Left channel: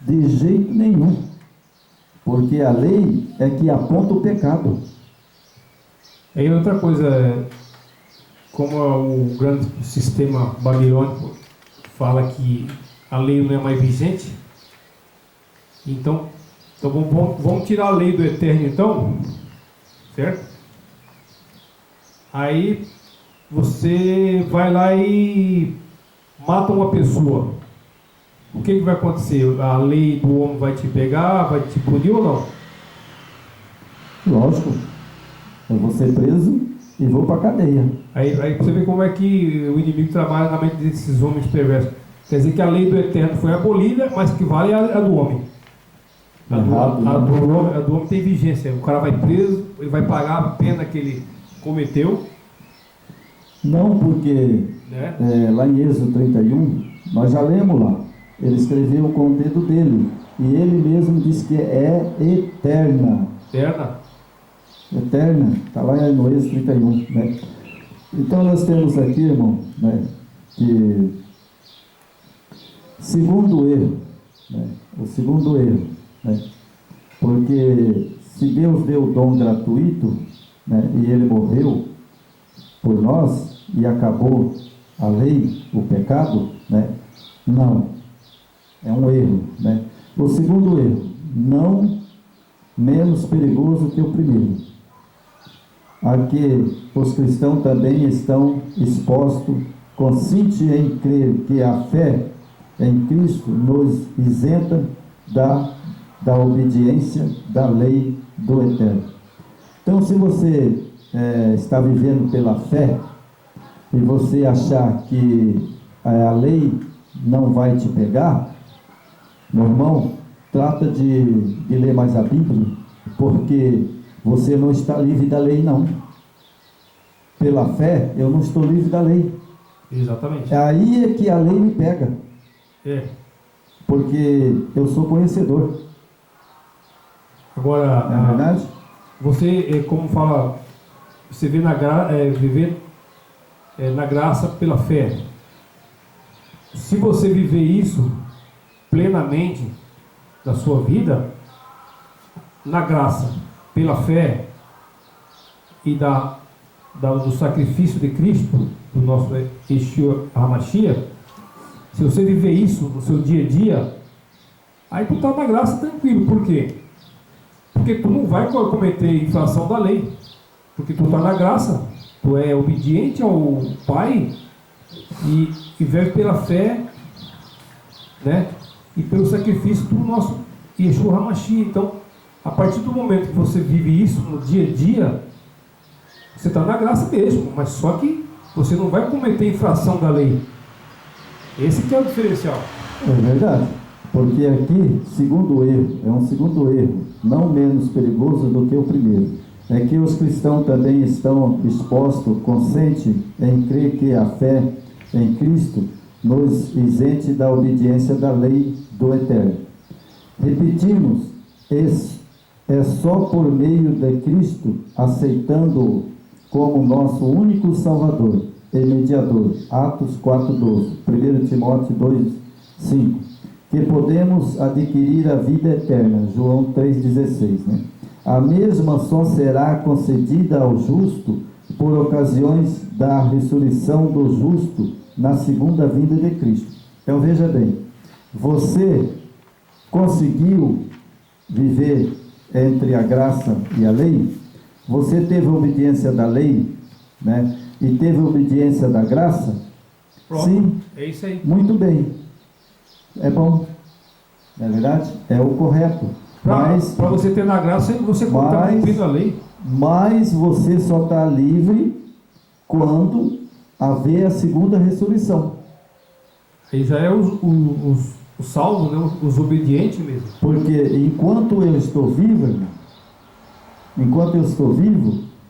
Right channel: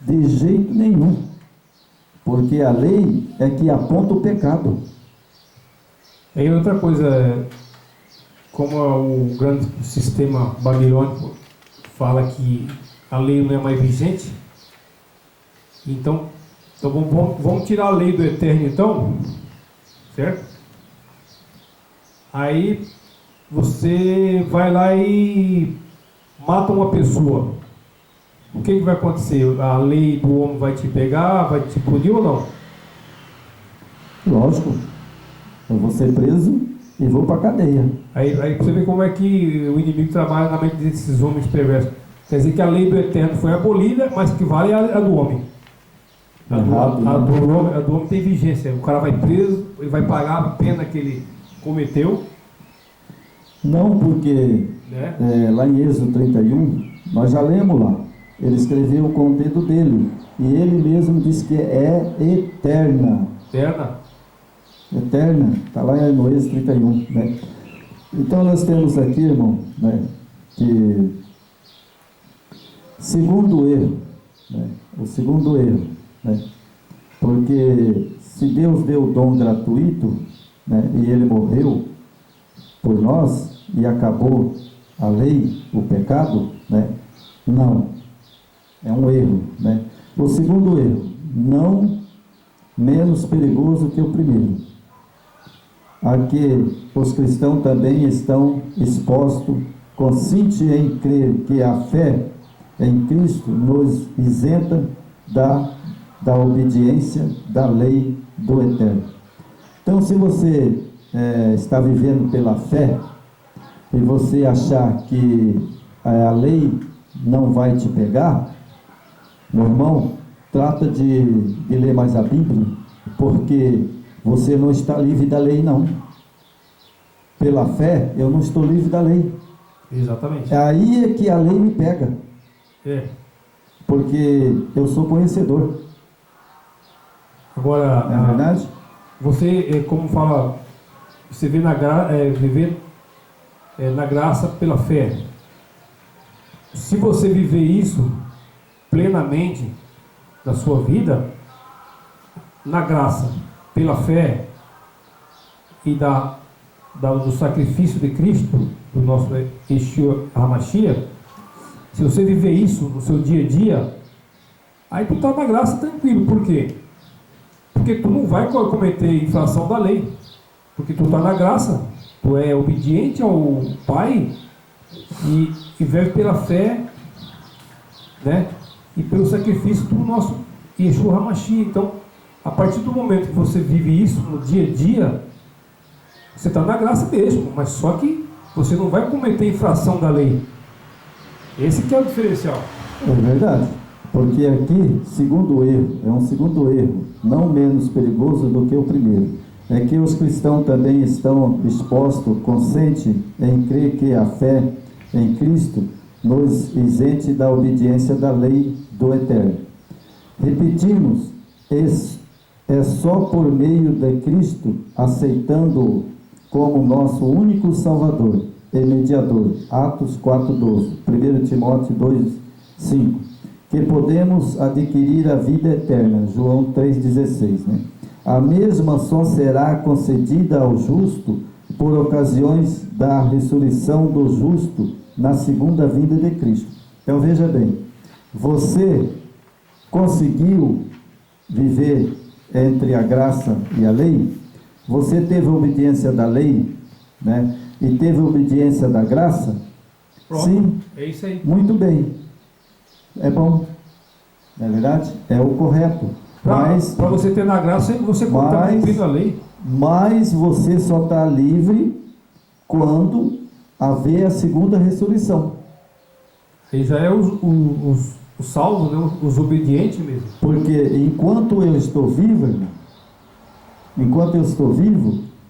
De jeito nenhum. Porque a lei é que aponta o pecado. Aí outra coisa, como o grande sistema babilônico fala que a lei não é mais vigente, então vamos tirar a lei do eterno então, certo? Aí você vai lá e mata uma pessoa. O que vai acontecer? A lei do homem vai te pegar, vai te punir ou não? Lógico. Eu vou ser preso e vou para a cadeia. Aí você vê como é que o inimigo trabalha na mente desses homens perversos. Quer dizer que a lei do eterno foi abolida, mas que vale a do homem. A do homem tem vigência. O cara vai preso, ele vai pagar a pena que ele cometeu. Não, porque né? Lá em Êxodo 31, nós já lemos lá. Ele escreveu com o dedo dele. E ele mesmo diz que é eterna. Eterna. Está lá no Êxodo 31. Né? Então nós temos aqui, irmão, né, que segundo erro, né, o segundo erro, né, porque se Deus deu o dom gratuito, né, e ele morreu por nós e acabou a lei, o pecado, né, não, é um erro, né. O segundo erro, não menos perigoso que o primeiro. Aqui os cristãos também estão expostos, conscientes em crer que a fé em Cristo nos isenta da obediência da lei do eterno. Então, se você está vivendo pela fé e você achar que a lei não vai te pegar, meu irmão, trata de ler mais a Bíblia, porque você não está livre da lei, não. Pela fé, eu não estou livre da lei. Exatamente. Aí é que a lei me pega. Porque eu sou conhecedor. Agora, não é verdade? Você, como fala, você vê viver na graça pela fé. Se você viver isso plenamente na sua vida, na graça, pela fé e do sacrifício de Cristo, do nosso Yeshua HaMashiach, se você viver isso no seu dia a dia, aí tu está na graça tranquilo. Por quê? Porque tu não vai cometer infração da lei, porque tu está na graça, tu é obediente ao Pai e vive pela fé, né? E pelo sacrifício do nosso Yeshua HaMashiach. Então, a partir do momento que você vive isso no dia a dia, você está na graça mesmo, mas só que você não vai cometer infração da lei. Esse que é o diferencial. É verdade, porque aqui, segundo erro, é um segundo erro, não menos perigoso do que o primeiro, é que os cristãos também estão expostos, conscientes em crer que a fé em Cristo nos isente da obediência da lei do eterno. Repetimos, é só por meio de Cristo, aceitando-o como nosso único Salvador e mediador, Atos 4:12, 1 Timóteo 2:5, que podemos adquirir a vida eterna, João 3:16, né? A mesma só será concedida ao justo por ocasiões da ressurreição do justo na segunda vinda de Cristo. Então veja bem, você conseguiu viver entre a graça e a lei? Você teve a obediência da lei, né? E teve a obediência da graça? Pronto, sim, é isso aí. Muito bem, é bom, não é verdade? É o correto. Para você ter na graça, você está cumprindo a lei. Mas você só está livre quando haver a segunda ressurreição. Aí já é os salvos, né? Os obedientes mesmo. Porque enquanto eu estou vivo, irmão,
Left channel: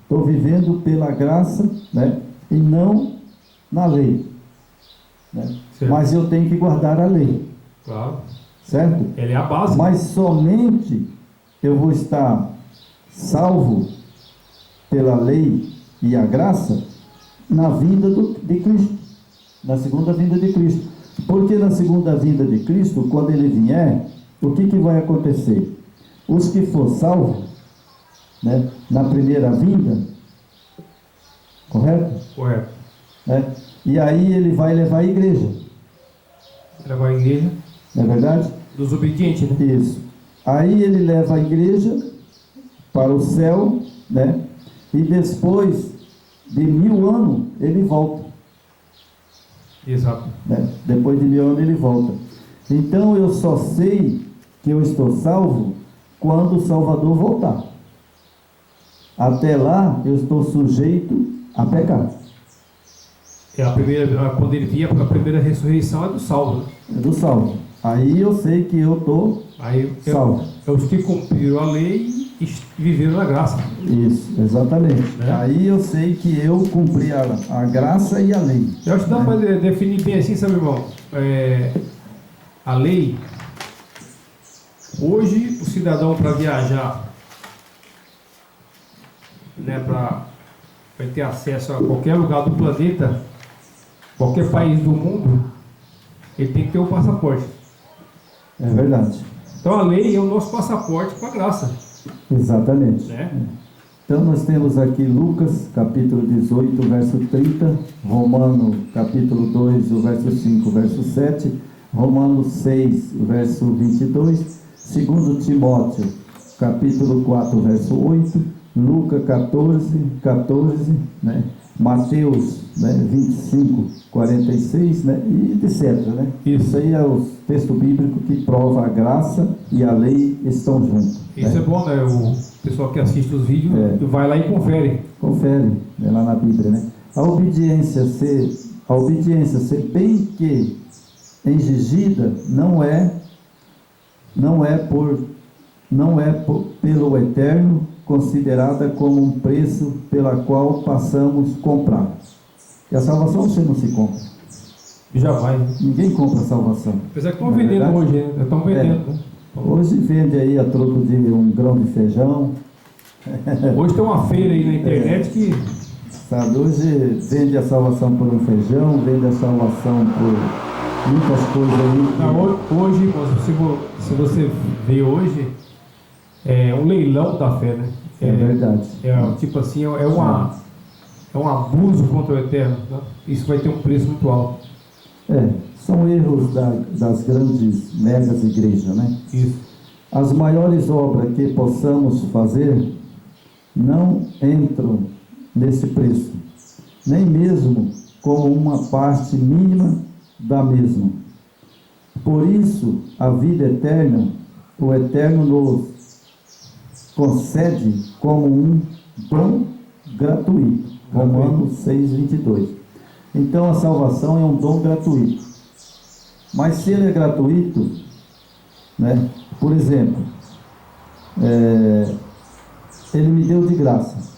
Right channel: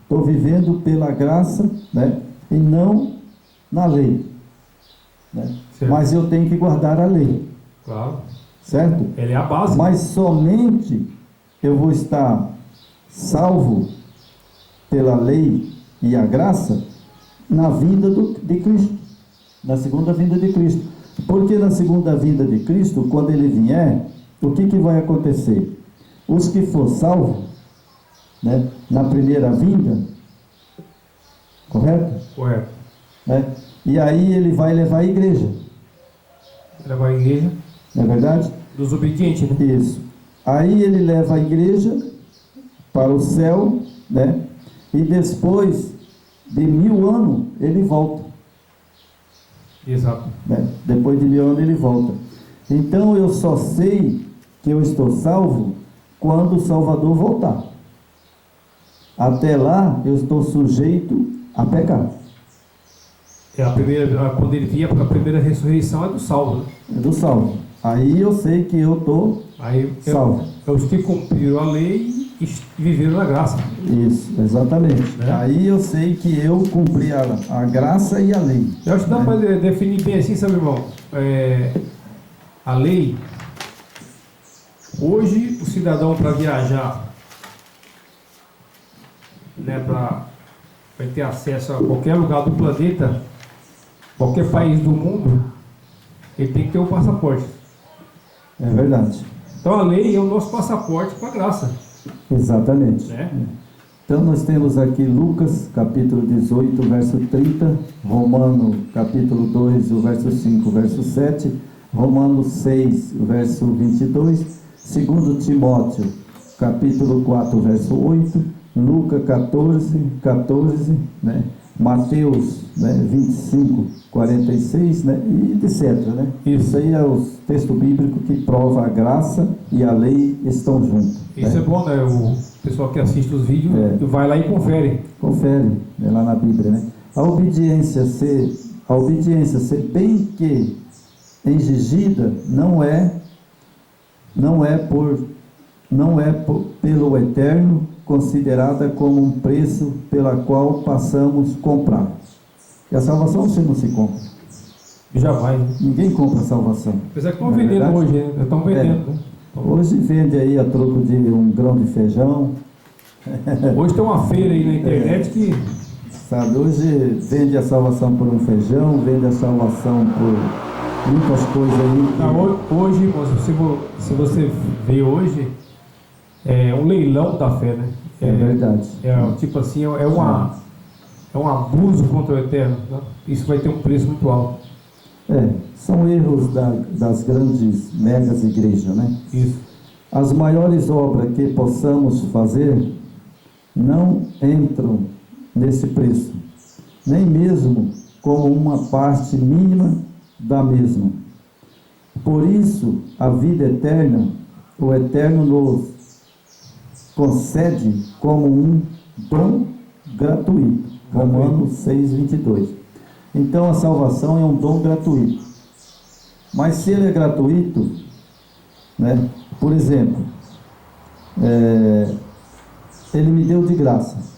estou vivendo pela graça, né? E não na lei, né? Mas eu tenho que guardar a lei. Claro. Certo? Ela é a base. Mas somente eu vou estar salvo pela lei e a graça na vinda de Cristo, na segunda vinda de Cristo. Porque na segunda vinda de Cristo, quando ele vier, o que vai acontecer? Os que for salvo, né, na primeira vinda, correto? Correto. Né? E aí ele vai levar a igreja. Levar a igreja. Não é verdade? Dos obedientes, né? Isso. Aí ele leva a igreja para o céu, né? E depois de 1000 anos ele volta. Exato. Né? Depois de 1000 anos ele volta. Então eu só sei que eu estou salvo quando o Salvador voltar. Até lá eu estou sujeito a pecar. Quando ele vier a primeira ressurreição é do salvo, né? É do salvo. Aí eu sei que eu estou salvo. É os que cumpriram a lei e viveram na graça. Isso, exatamente. Né? Aí eu sei que eu cumpri a graça e a lei. Eu acho que dá para definir bem assim, sabe, irmão? A lei, hoje o cidadão para viajar, né, para ter acesso a qualquer lugar do planeta, qualquer país do mundo, ele tem que ter um passaporte. É verdade. Então a lei é o nosso passaporte para a graça. Exatamente. Né? Então nós temos aqui Lucas capítulo 18, verso 30, Romanos capítulo 2, o verso 5, o verso 7, Romanos 6, o verso 22, 2 Timóteo capítulo 4, verso 8, Lucas 14, 14, né? Mateus, né, 25, 46, né, e etc. Né? Isso aí é o texto bíblico que prova a graça e a lei estão juntos. Isso né? é bom, né? O pessoal que assiste os vídeos vai lá e confere. Confere, né, lá na Bíblia, né? A obediência ser bem que exigida não é pelo eterno considerada como um preço pela qual passamos comprar. E a salvação você não se compra. Jamais. Ninguém compra a salvação. Apesar que estão vendendo hoje, né? Estão vendendo. Né? Hoje vende aí a troco de um grão de feijão. Hoje tem uma feira aí na internet que... Sabe, hoje vende a salvação por um feijão, vende a salvação por muitas coisas aí. Não, hoje, se você vê hoje, é um leilão da fé, né? É verdade. Tipo assim, é um abuso contra o eterno. Né? Isso vai ter um preço muito alto. São erros das grandes megas igrejas, né? Isso. As maiores obras que possamos fazer não entram nesse preço, nem mesmo como uma parte mínima da mesma. Por isso, a vida eterna, o Eterno nos concede como um dom gratuito. Romanos 6, 22. Então a salvação é um dom gratuito. Mas se ele é gratuito, né? Por exemplo, ele me deu de graça.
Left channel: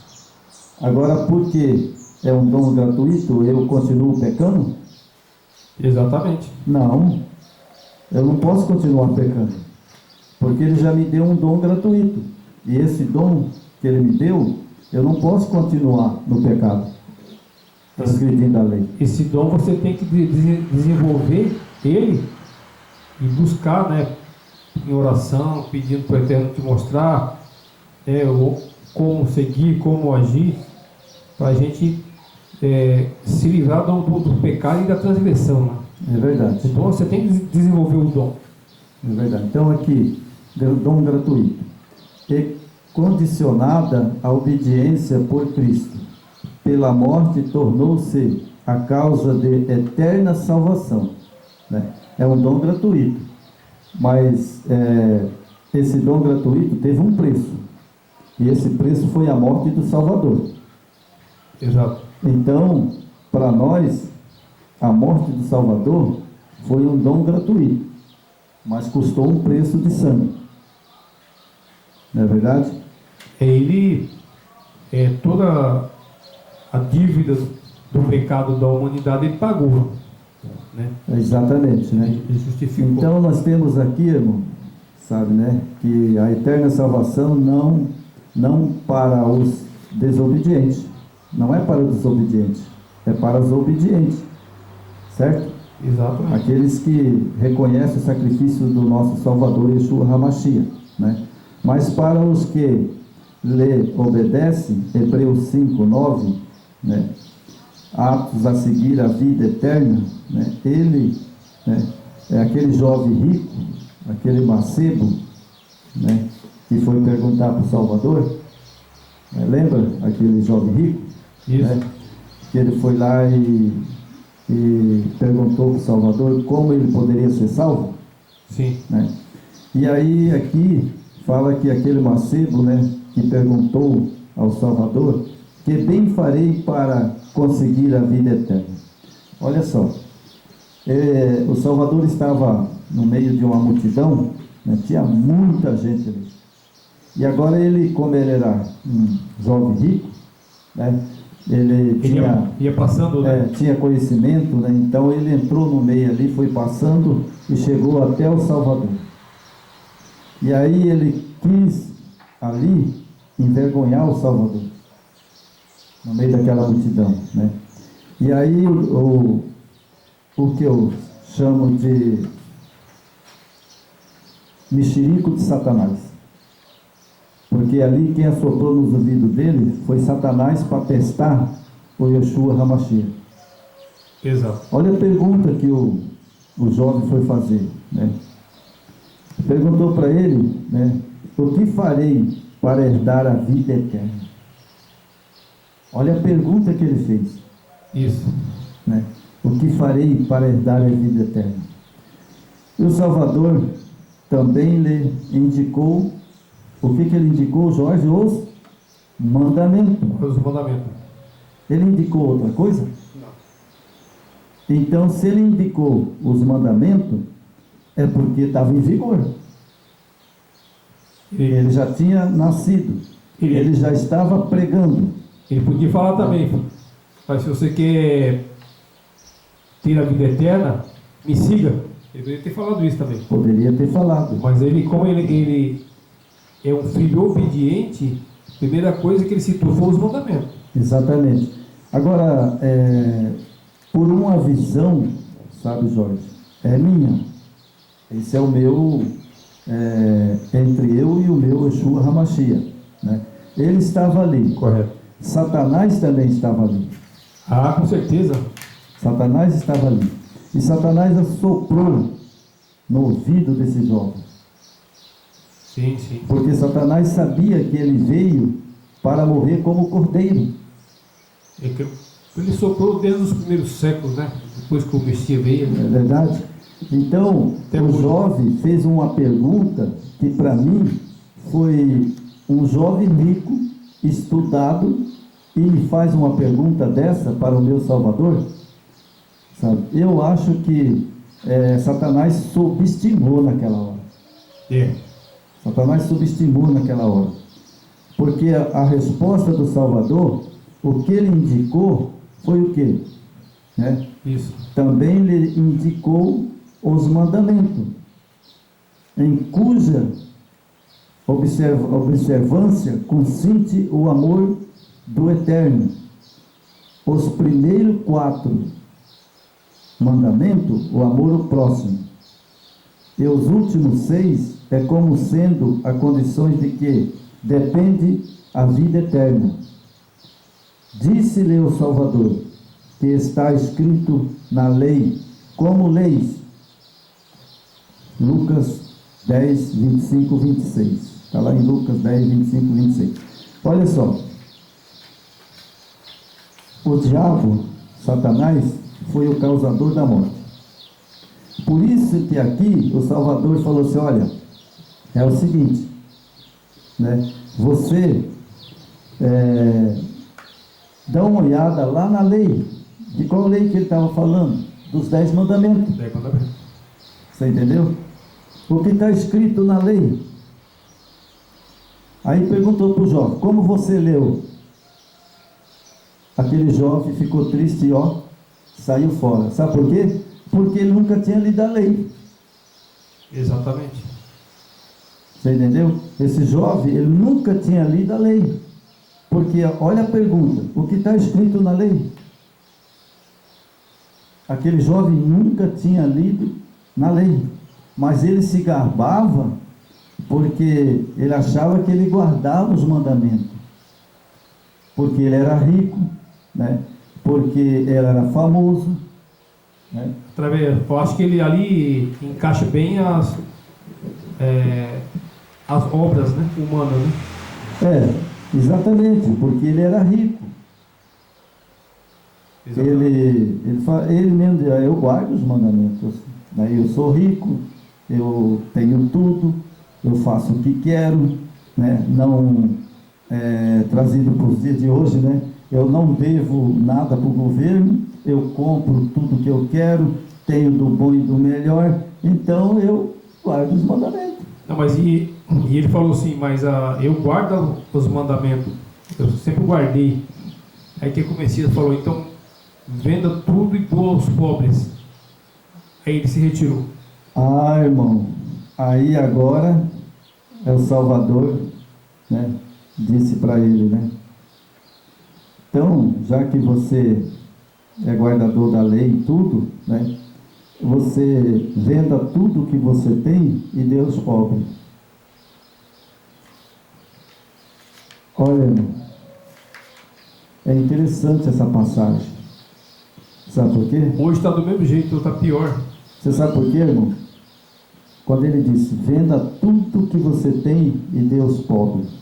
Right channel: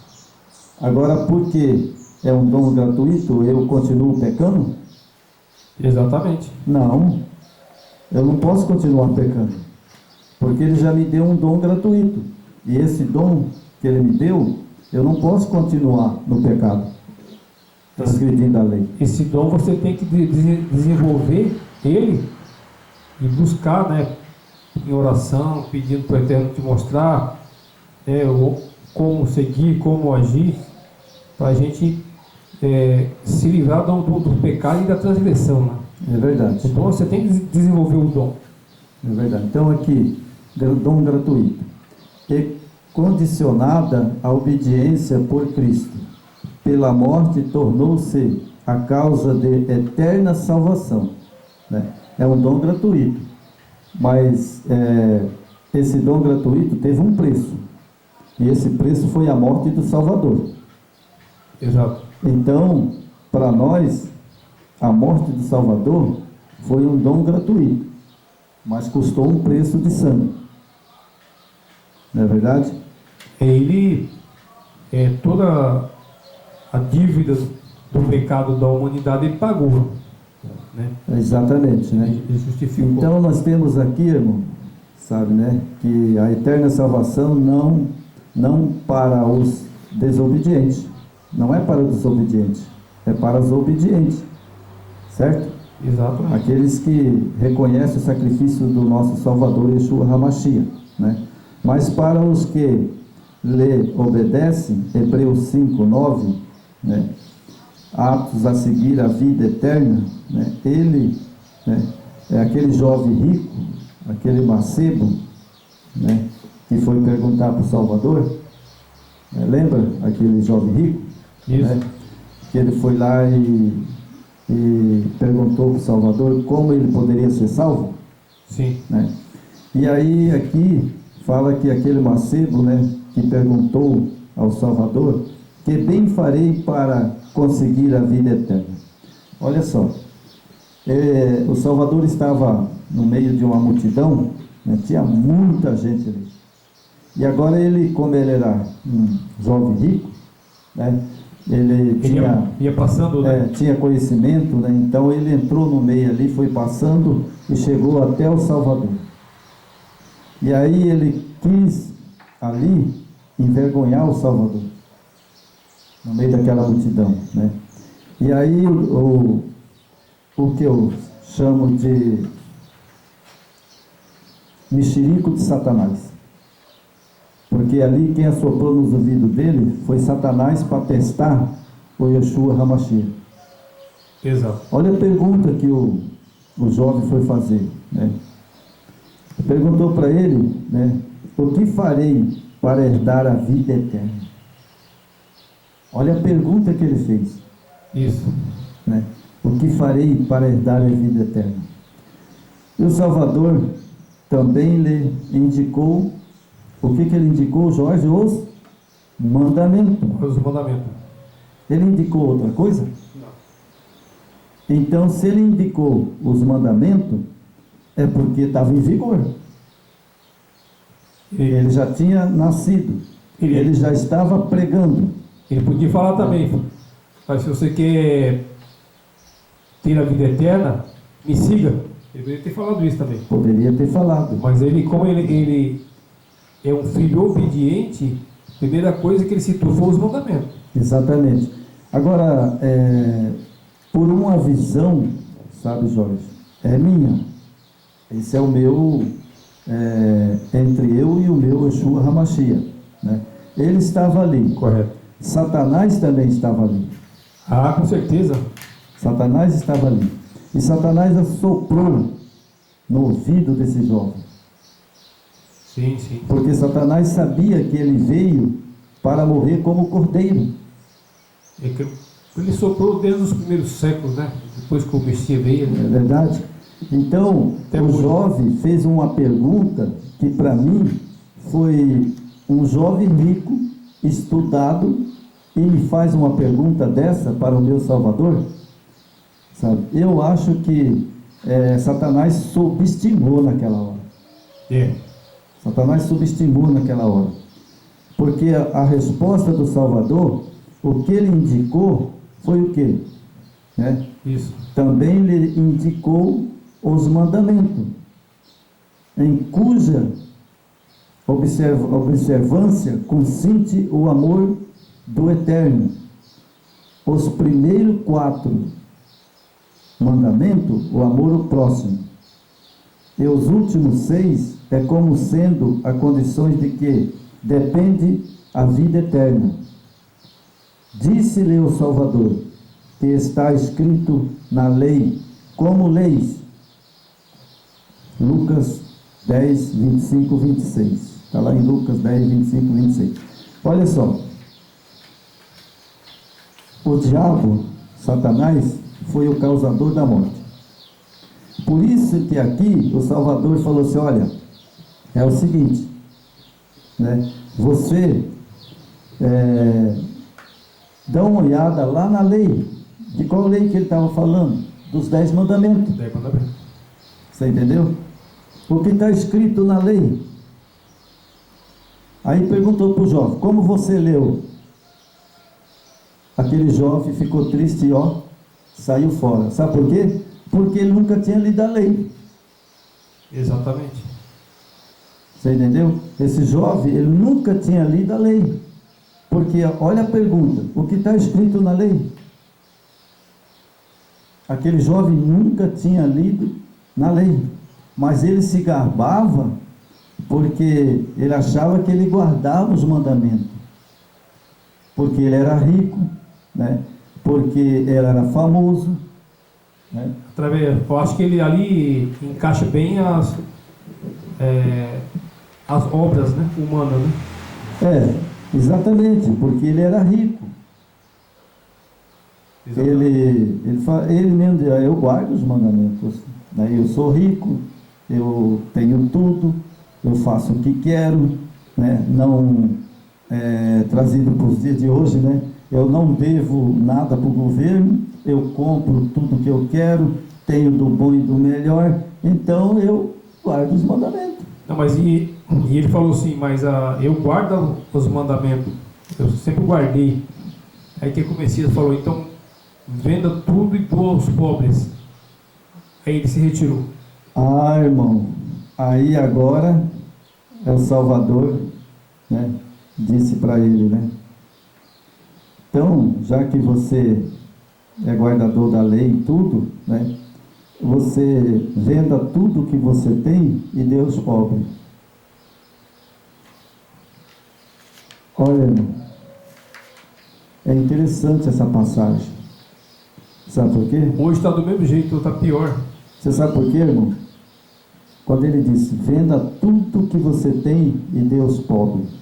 Agora, porque é um dom gratuito, eu continuo pecando? Exatamente. Não, eu não posso continuar pecando, porque ele já me deu um dom gratuito. E esse dom que ele me deu, eu não posso continuar no pecado, transgredindo a lei. Esse dom você tem que desenvolver ele e buscar, né, em oração, pedindo para o Eterno te mostrar, como seguir, como agir, para a gente se livrar do pecado e da transgressão. Né? É verdade. Então você tem que desenvolver o dom. É verdade. Então aqui, dom gratuito. E condicionada à obediência por Cristo. Pela morte tornou-se a causa de eterna salvação. Né? É um dom gratuito. Mas esse dom gratuito teve um preço. E esse preço foi a morte do Salvador. Exato. Então, para nós, a morte do Salvador foi um dom gratuito, mas custou um preço de sangue. Não é verdade? Ele, toda a dívida do pecado da humanidade, ele pagou. Né? Exatamente, né? Ele justificou. Então nós temos aqui, irmão, sabe, né? Que a eterna salvação não para os desobedientes. Não é para os desobedientes, é para os obedientes. Certo? Exatamente. Aqueles que reconhecem o sacrifício do nosso Salvador Yeshua HaMashiach, né? Mas para os que lhe obedecem, Hebreus 5, 9, né? Aptos a seguir a vida eterna, né? Ele, né? É aquele jovem rico, aquele mancebo, né? Que foi perguntar para o Salvador, né? Lembra aquele jovem rico? Isso. Né? Que ele foi lá e perguntou para o Salvador como ele poderia ser salvo, Sim. né? E aí aqui fala que aquele mancebo, né, que perguntou ao Salvador, que bem farei para conseguir a vida eterna. Olha só, o Salvador estava no meio de uma multidão, né, tinha muita gente ali, e agora ele, como ele era um jovem rico, né, ele ia passando, né? tinha conhecimento, né? Então ele entrou no meio ali, foi passando e chegou até o Salvador. E aí ele quis ali envergonhar o Salvador, no meio daquela multidão, né? E aí o que eu chamo de mexerico de Satanás. Porque ali quem assoprou nos ouvidos dele foi Satanás para testar o Yeshua HaMashiach. Exato. Olha a pergunta que o jovem foi fazer, né? Perguntou para ele, né? O que farei para herdar a vida eterna? Olha a pergunta que ele fez. Isso. Né? O que farei para herdar a vida eterna? E o Salvador também lhe indicou. O que ele indicou, Jorge? Os mandamentos. Os mandamentos. Ele indicou outra coisa? Não. Então, se ele indicou os mandamentos, é porque estava em vigor. Ele já tinha nascido. Ele já estava pregando. Ele podia falar também, mas se você quer ter a vida eterna, me siga. Ele poderia ter falado isso também. Poderia ter falado. Mas ele, como ele é um filho obediente, a primeira coisa que ele citou foi os mandamentos. Exatamente. Agora, por uma visão, sabe, Jorge, é minha. Esse é o meu, entre eu e o meu Yeshua HaMashiach, né? Ele estava ali. Correto. Satanás também estava ali. Ah, com certeza. Satanás estava ali. E Satanás assoprou no ouvido desse jovem. Sim, sim. Porque Satanás sabia que ele veio para morrer como cordeiro. É que ele soprou desde os primeiros séculos, né? Depois que o Messias veio. Né? É verdade? Então, o jovem fez uma pergunta que para mim foi um jovem rico, estudado, e me faz uma pergunta dessa para o meu Salvador. Sabe? Eu acho que Satanás subestimou naquela hora. Satanás subestimou naquela hora. Porque a resposta do Salvador, o que ele indicou, foi o quê? Né? Isso. Também lhe indicou os mandamentos, em cuja observância consiste o amor do Eterno. Os primeiros 4 mandamentos, o amor ao próximo. E os últimos 6 é como sendo a condições de que depende a vida eterna. Disse-lhe o Salvador, que está escrito na lei, como leis. Lucas 10, 25, 26. Está lá em Lucas 10, 25, 26. Olha só. O diabo, Satanás, foi o causador da morte. Por isso que aqui o Salvador falou assim, olha, é o seguinte, né? Você dá uma olhada lá na lei. De qual lei que ele estava falando? Dos 10 mandamentos. 10 mandamentos. Você entendeu? O que está escrito na lei. Aí perguntou para o jovem, como você leu? Aquele jovem ficou triste e saiu fora. Sabe por quê? Porque ele nunca tinha lido a lei. Exatamente. Você entendeu? Esse jovem, ele nunca tinha lido a lei. Porque, olha a pergunta, o que está escrito na lei? aquele jovem nunca tinha lido na lei, mas ele se gabava porque ele achava que ele guardava os mandamentos, porque ele era rico, né? Porque ele era famoso, né? Eu acho que ele ali encaixa bem as obras, né, humanas, né? Exatamente, porque ele era rico. Ele mesmo diz, eu guardo os mandamentos, né? Eu sou rico, eu tenho tudo, eu faço o que quero, né? Não trazido para os dias de hoje, né? Eu não devo nada para o governo, eu compro tudo que eu quero, tenho do bom e do melhor, então eu guardo os mandamentos. Não, mas e ele falou assim, mas eu guardo os mandamentos, eu sempre guardei. Aí que o Messias falou, então venda tudo e doa aos pobres. Aí ele se retirou. Irmão, aí agora é o Salvador, né? Disse para ele, né? Então, já que você é guardador da lei e tudo, né? Você venda tudo que você tem e dê aos pobres. Olha, irmão, é interessante essa passagem. Sabe por quê? Hoje está do mesmo jeito, está pior. Você sabe por quê, irmão? Quando ele disse, venda tudo que você tem e dê aos pobres.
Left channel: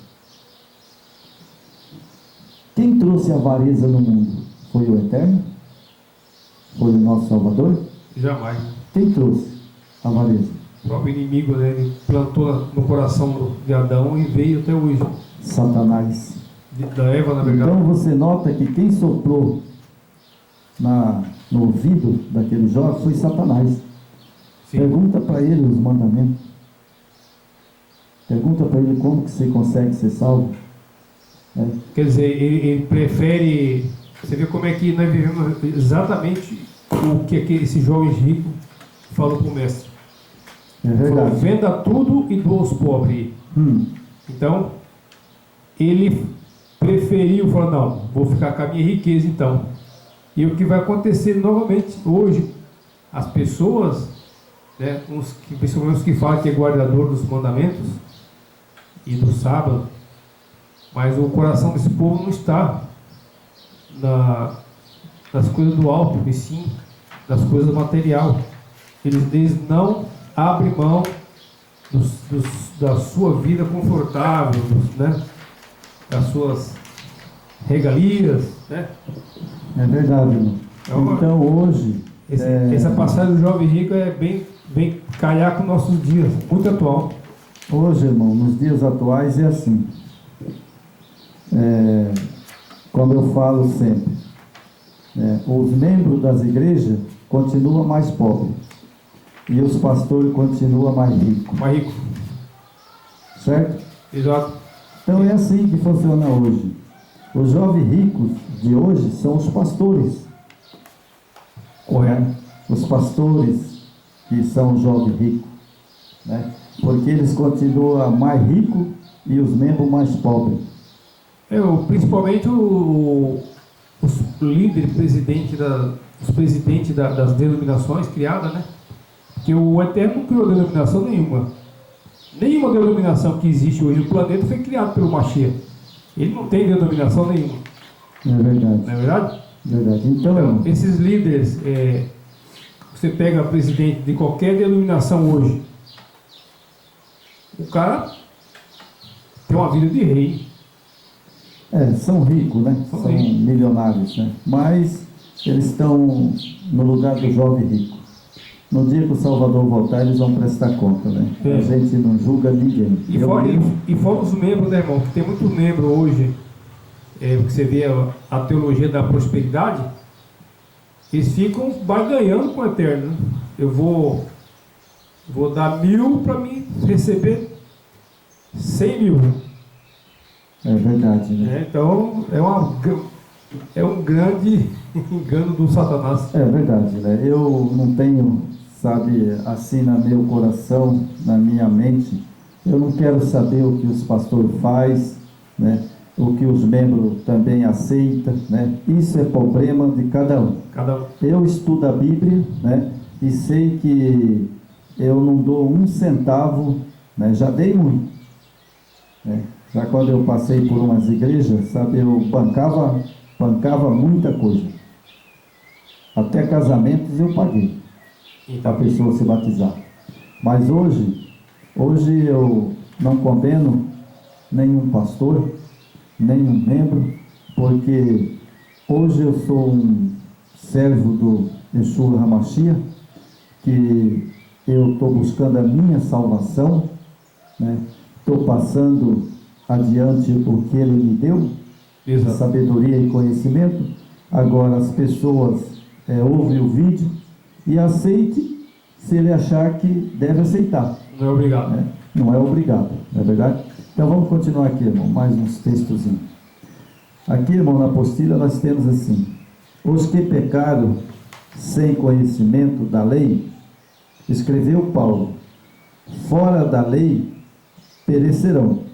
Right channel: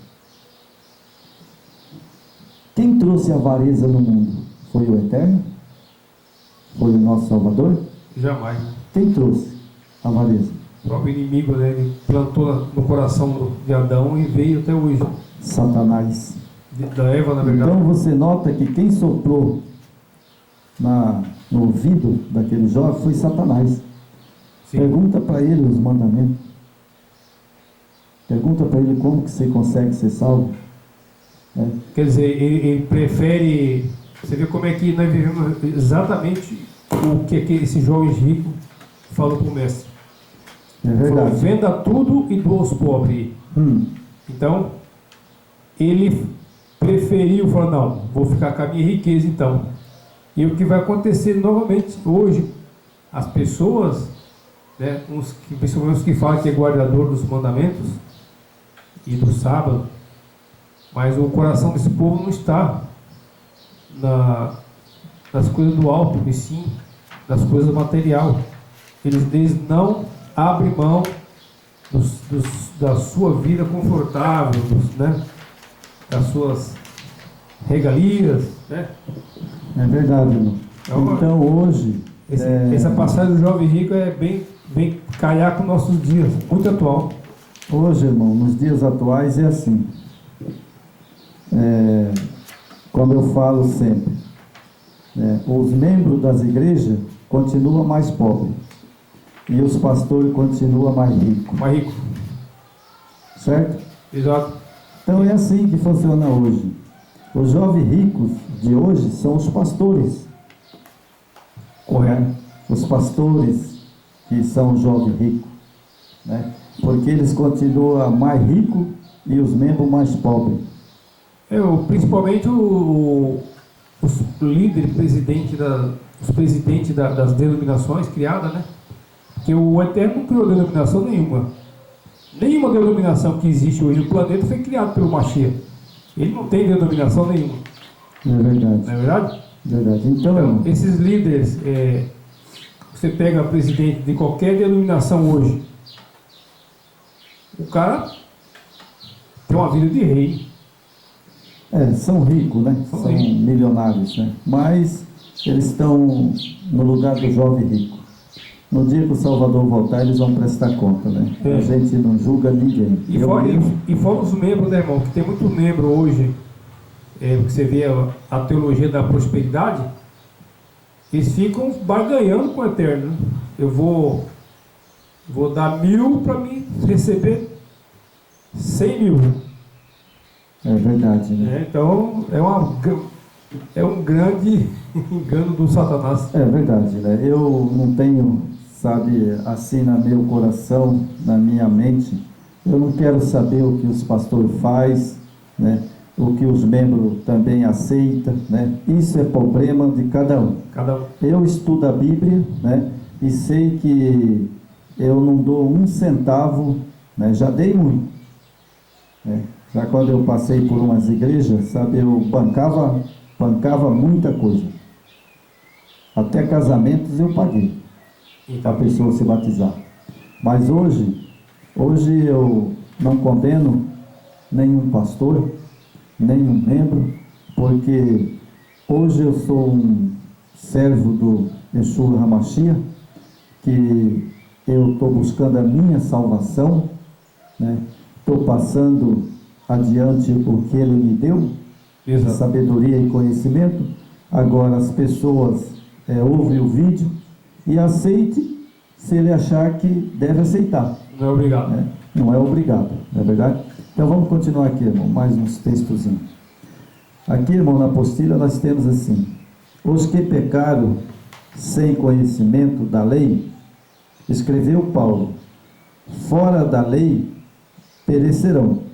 Quem trouxe a avareza no mundo? Foi o Eterno? Foi o nosso Salvador? Jamais. Quem trouxe a avareza? O próprio inimigo, né? Ele plantou no coração de Adão e veio até hoje. Satanás. Da Eva, na verdade. Então você nota que quem soprou no ouvido daquele jovem foi Satanás. Sim. Pergunta para ele os mandamentos. Pergunta para ele como que você consegue ser salvo. Quer dizer, ele prefere... Você vê como é que nós vivemos exatamente o que esse jovem rico falou para o mestre. É verdade. Falou, venda tudo e doa aos pobres. Então, ele preferiu falar, não, vou ficar com a minha riqueza então. E o que vai acontecer novamente hoje, as pessoas, né, principalmente os que falam que é guardador dos mandamentos e do sábado, mas o coração desse povo não está nas coisas do alto, e sim das coisas material. Eles não abrem mão da sua vida confortável, né? Das suas regalias, né? É verdade, irmão. Então hoje... Essa passagem do jovem rico vem calhar com nossos dias, muito atual. Hoje, irmão, nos dias atuais é assim. Como eu falo sempre, os membros das igrejas continuam mais pobres e os pastores continuam mais ricos. Mais rico. Certo? Exato. Então é assim que funciona hoje. Os jovens ricos de hoje são os pastores. Correto. Os pastores que são os jovens ricos, né? Porque eles continuam mais ricos e os membros mais pobres. Principalmente os líderes, os presidentes das denominações criadas, né? Porque o Eterno não criou denominação nenhuma. Nenhuma denominação que existe hoje no planeta foi criada pelo Mashiach. Ele não tem denominação nenhuma. É verdade. Não é verdade? Verdade. Então esses líderes, você pega presidente de qualquer denominação hoje, o cara tem uma vida de rei. São ricos, né? São milionários, né? Mas eles estão no lugar do jovem rico. No dia que o Salvador voltar, eles vão prestar conta, né? A gente não julga ninguém. E fora os membros, né, irmão? Que tem muito membro hoje, que você vê a teologia da prosperidade, eles ficam barganhando com o Eterno, né? Eu vou dar 1.000 para mim receber 100.000. É verdade, né? Então é um grande engano do Satanás. É verdade, né? Eu não tenho, sabe, assim no meu coração, na minha mente, eu não quero saber o que os pastores fazem, né? o que os membros também aceitam, né? Isso é problema de cada um. Eu estudo a Bíblia, né? E sei que eu não dou um centavo, né? Já dei muito, né? Já quando eu passei por umas igrejas, sabe, eu bancava muita coisa. Até casamentos eu paguei para a pessoa se batizar. Mas hoje eu não condeno nenhum pastor, nenhum membro, porque hoje eu sou um servo do Yeshua HaMashiach, que eu estou buscando a minha salvação, né? Estou passando adiante o que Ele me deu, sabedoria e conhecimento. Agora as pessoas ouvem o vídeo e aceite se ele achar que deve aceitar. Não é obrigado. Né? Não é obrigado, não é verdade? Então vamos continuar aqui, irmão, mais uns textozinhos. Aqui, irmão, na apostila nós temos assim: os que pecaram sem conhecimento da lei, escreveu Paulo, fora da lei perecerão.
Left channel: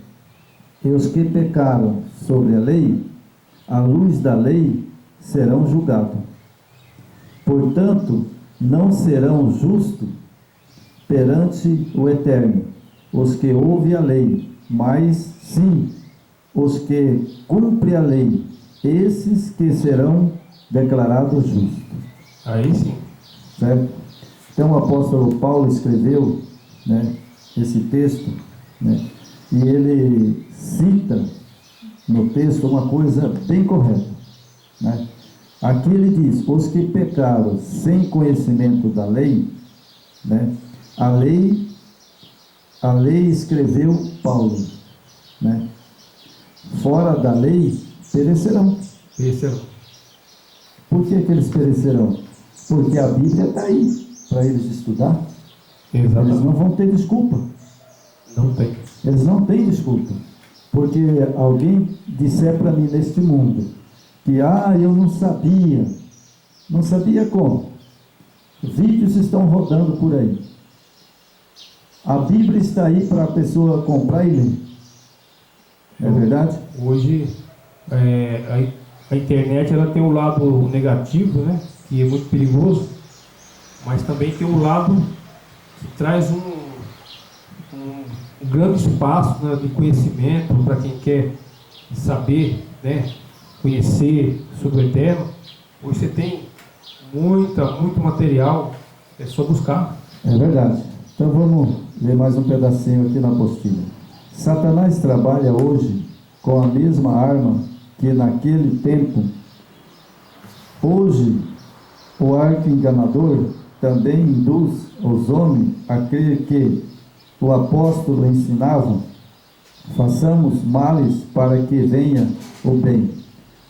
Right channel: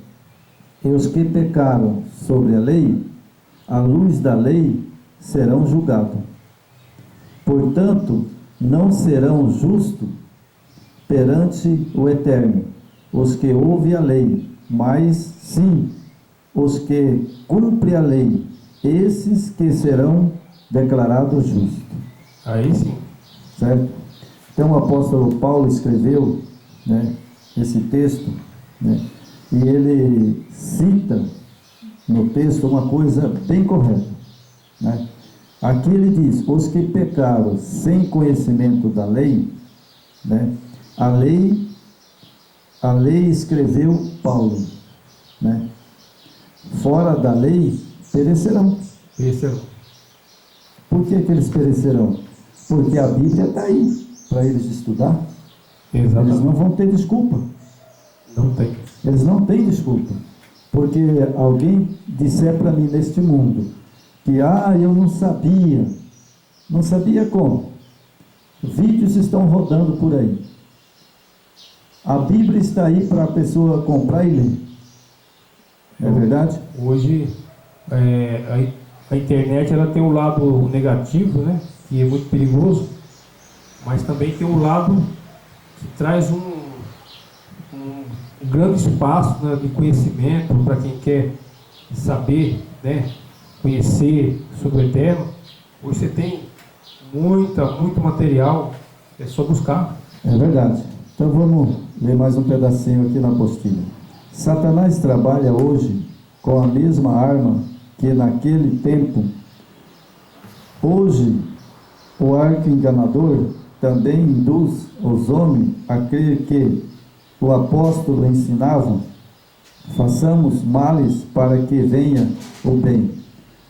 E os que pecaram sobre a lei, à luz da lei, serão julgados. Portanto, não serão justos perante o Eterno os que ouvem a lei, mas sim os que cumprem a lei, esses que serão declarados justos. Aí sim. Certo? Então o apóstolo Paulo escreveu, né, esse texto, né, e ele cita no texto uma coisa bem correta, né? Aqui ele diz: os que pecaram sem conhecimento da lei, né, a lei escreveu Paulo, né, fora da lei perecerão. Por que eles perecerão? Porque a Bíblia está aí para eles estudar. Exatamente. Eles não vão ter desculpa. Não tem. Eles não têm desculpa. Porque alguém disser para mim neste mundo que eu não sabia. Não sabia como? Vídeos estão rodando por aí. A Bíblia está aí para a pessoa comprar e ler. É verdade? Hoje a internet ela tem um lado negativo, né, que é muito perigoso, mas também tem um lado que traz um grande espaço, né, de conhecimento para quem quer saber, né, conhecer sobre o Eterno. Hoje você tem muito material, é só buscar. É verdade. Então vamos ler mais um pedacinho aqui na apostila. Satanás trabalha hoje com a mesma arma que naquele tempo. Hoje o arco enganador também induz os homens a crer que o apóstolo ensinava: façamos males para que venha o bem.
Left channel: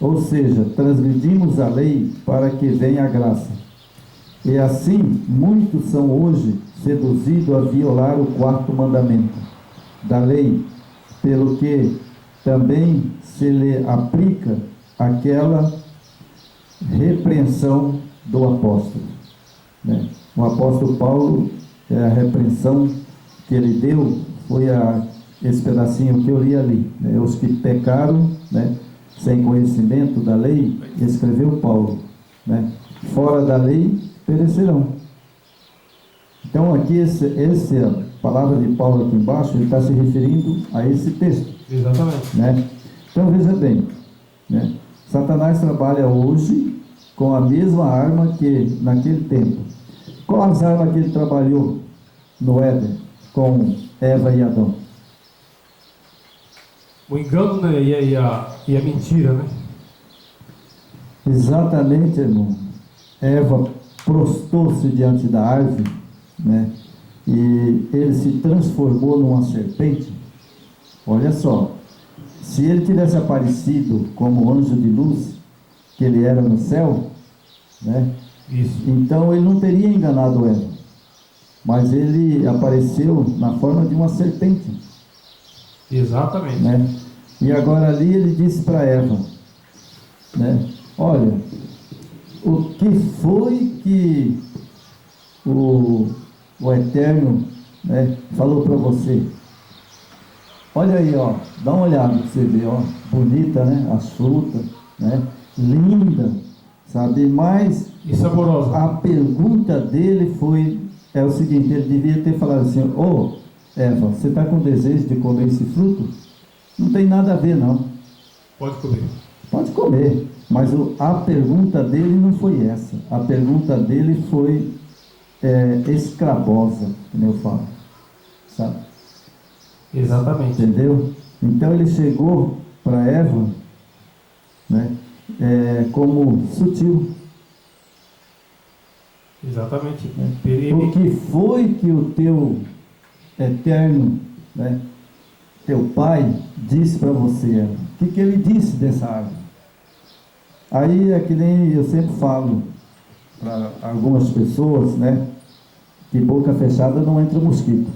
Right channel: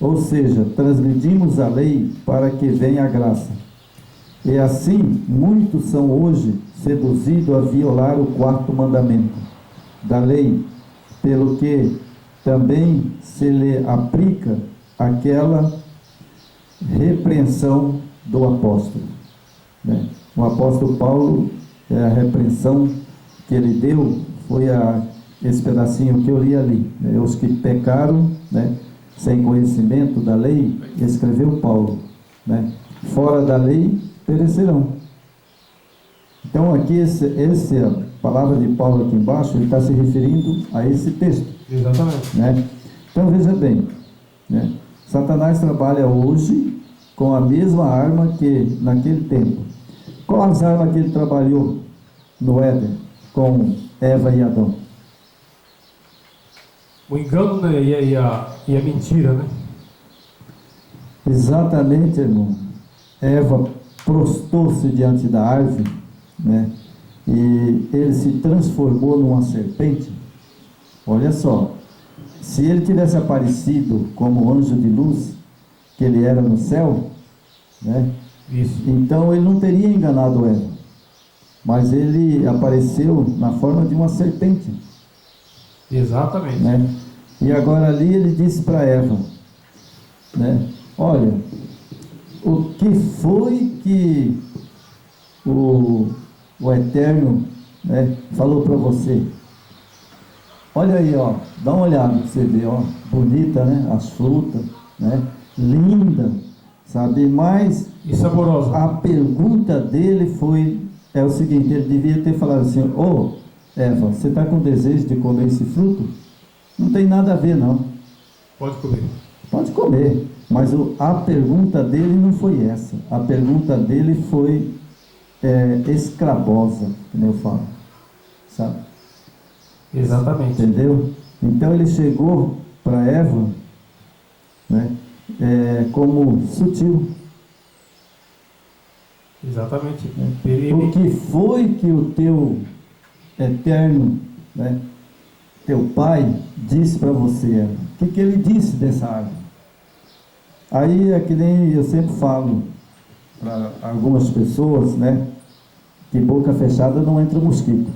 Ou seja, transgredimos a lei para que venha a graça. E assim, muitos são hoje seduzidos a violar o 4º mandamento da lei, pelo que também se lhe aplica aquela repreensão do apóstolo, né? O apóstolo Paulo, a repreensão que ele deu foi esse pedacinho que eu li ali, né? Os que pecaram, né, sem conhecimento da lei, escreveu Paulo, né? Fora da lei perecerão. Então aqui essa palavra de Paulo aqui embaixo, ele está se referindo a esse texto. Exatamente. Né? Então veja bem, né? Satanás trabalha hoje com a mesma arma que naquele tempo. Qual as armas que ele trabalhou no Éden com Eva e Adão? O engano, né, e a mentira, né? Exatamente, irmão. Eva prostou-se diante da árvore, né? E ele se transformou numa serpente. Olha só, se ele tivesse aparecido como anjo de luz, que ele era no céu, né? Isso. Então ele não teria enganado Eva, mas ele apareceu na forma de uma serpente. Exatamente. Né? E agora ali ele disse para Eva, né? Olha, o que foi que o Eterno, né, falou para você? Olha aí, ó, dá uma olhada para você ver, ó, bonita, né? As frutas, né? Linda, sabe? Mas E saborosa. a pergunta dele é o seguinte: ele devia ter falado assim: ô Eva, você está com desejo de comer esse fruto? Não tem nada a ver, não. Pode comer. Pode comer, mas a pergunta dele não foi essa. A pergunta dele foi escrabosa, que nem eu falo, sabe? Exatamente. Entendeu? Então ele chegou para Eva, né, como sutil. Exatamente. O que foi que o teu eterno, né, teu pai disse para você, Eva? O que ele disse dessa árvore? Aí é que nem eu sempre falo para algumas pessoas, né, que boca fechada não entra mosquito.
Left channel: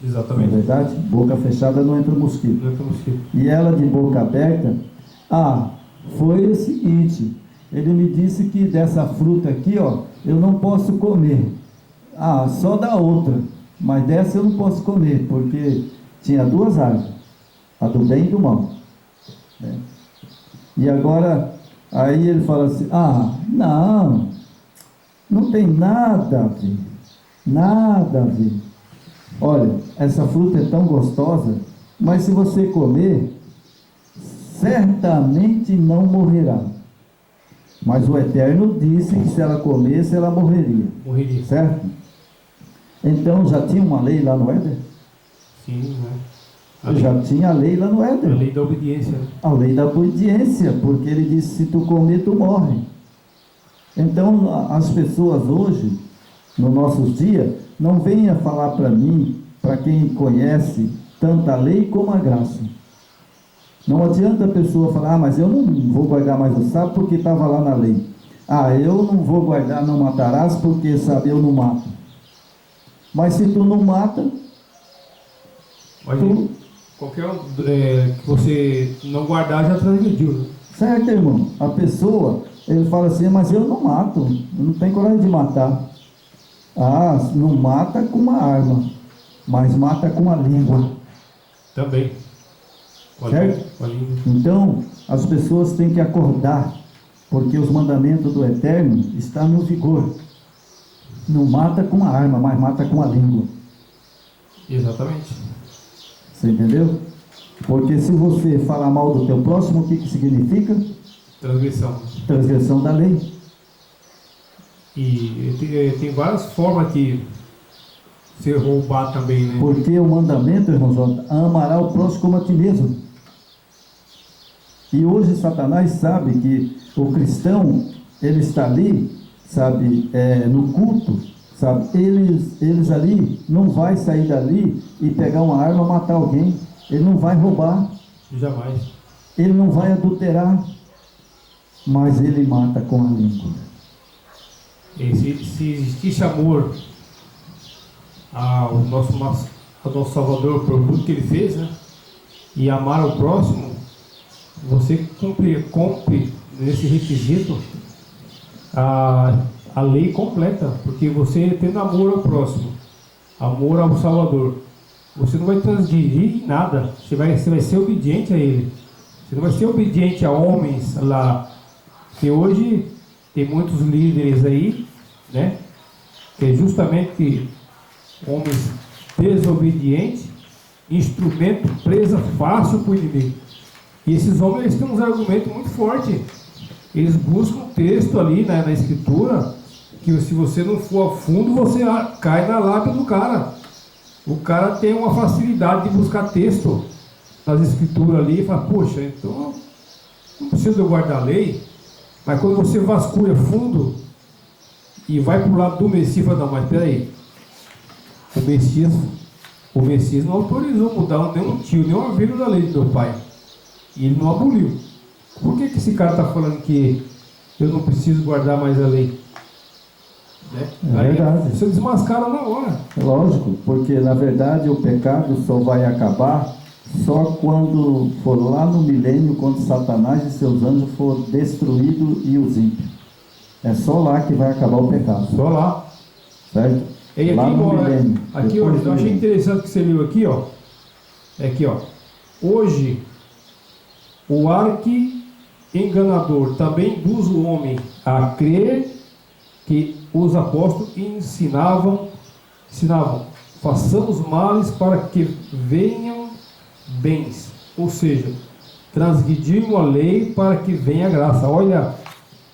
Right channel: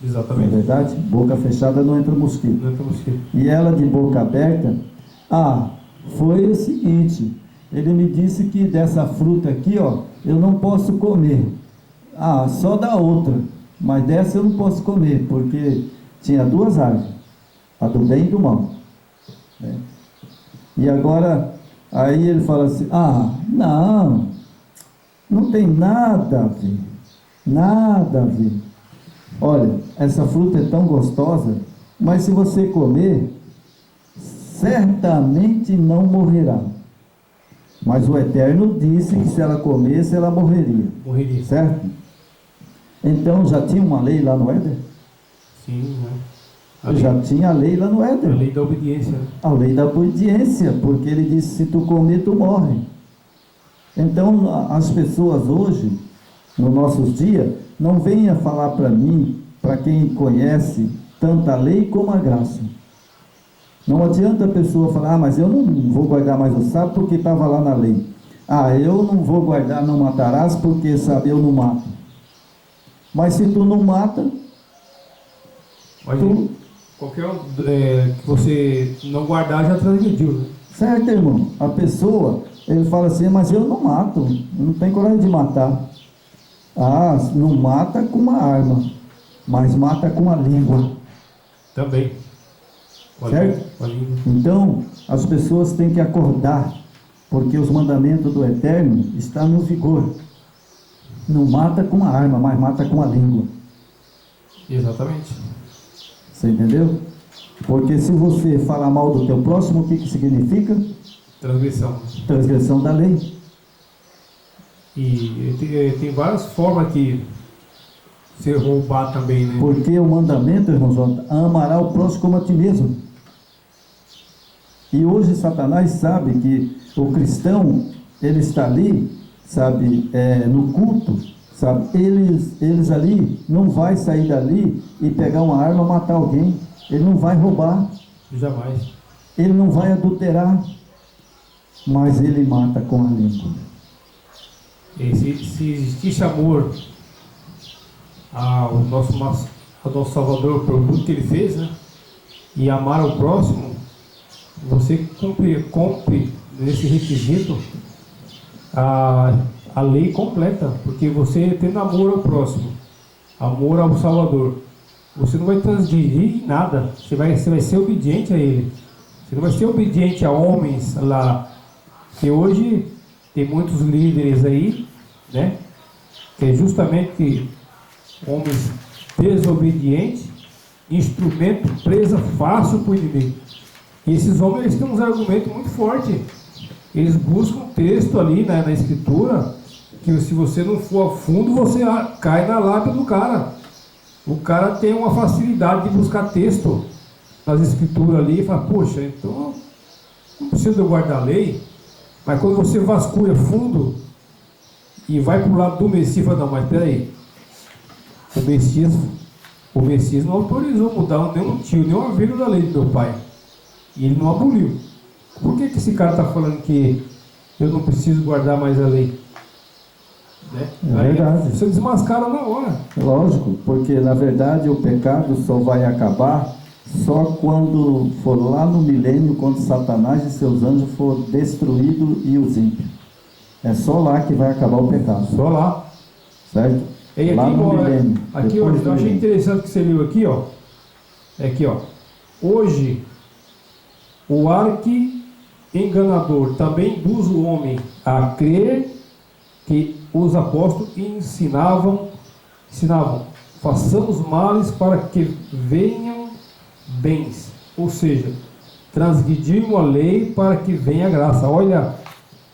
Não é Exatamente. verdade? Boca fechada não entra mosquito. Não é mosquito. E ela de boca aberta, foi o seguinte, ele me disse que dessa fruta aqui, ó, eu não posso comer. Só da outra, mas dessa eu não posso comer, porque tinha duas árvores, a do bem e do mal, né? E agora, aí ele fala assim, não tem nada a ver, nada a ver. Olha, essa fruta é tão gostosa, mas se você comer, certamente não morrerá. Mas o Eterno disse que se ela comesse, ela morreria. Morreria. Certo? Então já tinha uma lei lá no Éden? Sim, né? Já tinha a lei lá no A Éden. lei da obediência, né? A lei da obediência, porque ele disse, se tu comer, tu morre. Então, as pessoas hoje, nos nossos dias, não venham falar para mim, para quem conhece tanto a lei como a graça. Não adianta a pessoa falar, mas eu não vou guardar mais o sábado porque estava lá na lei. Eu não vou guardar, não matarás, porque sabe, eu não mato. Mas se tu não mata, Mas qualquer que você não guardar já transgrediu, né? certo, irmão? A pessoa, ele fala assim, mas eu não mato, eu não tenho coragem de matar. Não mata com uma arma, mas mata com a língua. Também. Certo? Com a língua. Então, as pessoas têm que acordar, porque os mandamentos do Eterno estão no vigor. Não mata com a arma, mas mata com a língua. Exatamente. Você entendeu? Porque se você falar mal do teu próximo, o que significa? Transgressão. Transgressão da lei. E tem várias formas que você roubar também, né? Porque o mandamento, irmãos, amará o próximo como a ti mesmo. E hoje Satanás sabe que o cristão, ele está ali, sabe, no culto, sabe, eles ali, não vai sair dali e pegar uma arma e matar alguém, ele não vai roubar, Jamais. ele não vai adulterar, mas ele mata com a língua. Se existisse amor ao nosso Salvador por tudo que ele fez, né? E amar ao próximo, você cumpre nesse requisito a lei completa, porque você tendo amor ao próximo, amor ao Salvador, você não vai transgredir em nada, você vai ser obediente a ele, você não vai ser obediente a homens lá, que hoje tem muitos líderes aí, né, que é justamente homens desobedientes, instrumento presa fácil para o inimigo. E esses homens, eles têm uns argumentos muito fortes. Eles buscam texto ali, né, na escritura, que se você não for a fundo, você cai na lábia do cara. O cara tem uma facilidade de buscar texto nas escrituras ali e fala, poxa, então não precisa eu guardar a lei. Mas quando você vasculha fundo e vai para o lado do Messias, fala, não, mas peraí, o Messias não autorizou mudar nenhum tio, nenhuma vírgula da lei do meu pai. E ele não aboliu. Por que esse cara está falando que eu não preciso guardar mais a lei? Né? É verdade. Você desmascara na hora. Lógico, porque na verdade o pecado só vai acabar só quando for lá no milênio, quando Satanás e seus anjos for destruídos e os ímpios. É só lá que vai acabar o pecado. Só lá. Certo? E aqui, lá no milênio. Aqui, ó, eu achei interessante que você leu aqui, ó. É aqui, ó. Hoje, o arqui-enganador também induz o homem a crer que os apóstolos ensinavam, façamos males para que venham bens. Ou seja, transgredimos a lei para que venha a graça. Olha,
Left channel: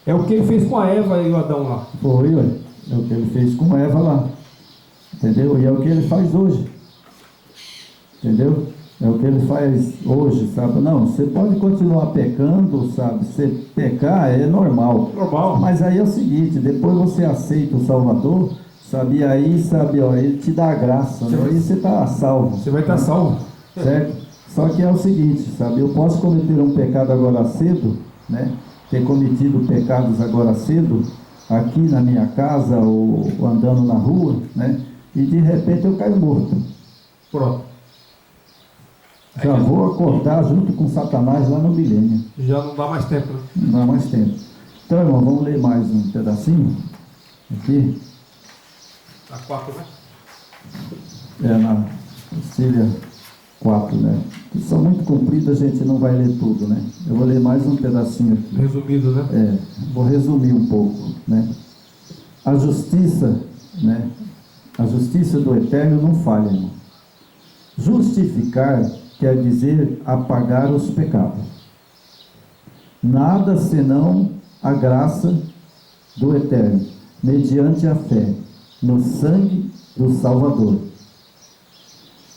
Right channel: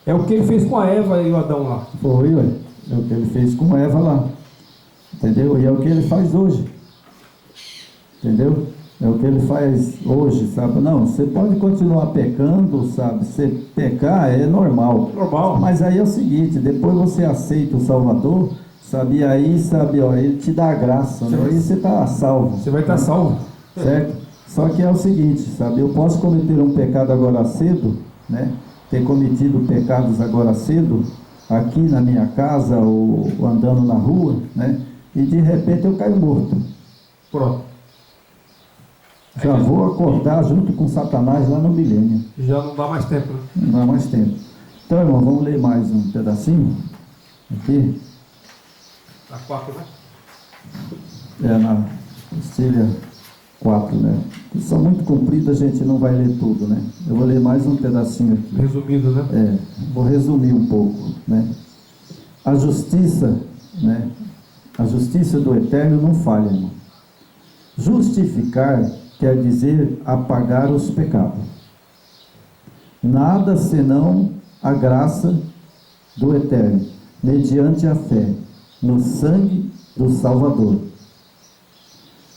é o que ele fez com a Eva e o Adão lá. Foi, ué. É o que ele fez com Eva lá. Entendeu? E é o que ele faz hoje. Entendeu? É o que ele faz hoje, sabe? Não, você pode continuar pecando, sabe? Você pecar é normal. Normal. Mas aí é o seguinte, depois você aceita o Salvador, sabe? E aí, sabe, ó, ele te dá a graça, né? Aí você está salvo. Você vai estar salvo. Certo? Só que é o seguinte, sabe? Eu posso cometer um pecado agora cedo, né? Ter cometido pecados agora cedo, aqui na minha casa ou andando na rua, né? E de repente eu caio morto. Pronto. Já vou acordar junto com Satanás lá no milênio. Já não dá mais tempo, né? Não dá mais tempo. Então, irmão, vamos ler mais um pedacinho aqui. A 4, né? É na Postilha 4, né? Que são muito compridas, a gente não vai ler tudo, né? Eu vou ler mais um pedacinho aqui. Resumido, né? Vou resumir um pouco, né? A justiça, né? A justiça do Eterno não falha, irmão. Justificar quer dizer apagar os pecados. Nada senão a graça do Eterno, mediante a fé no sangue do Salvador.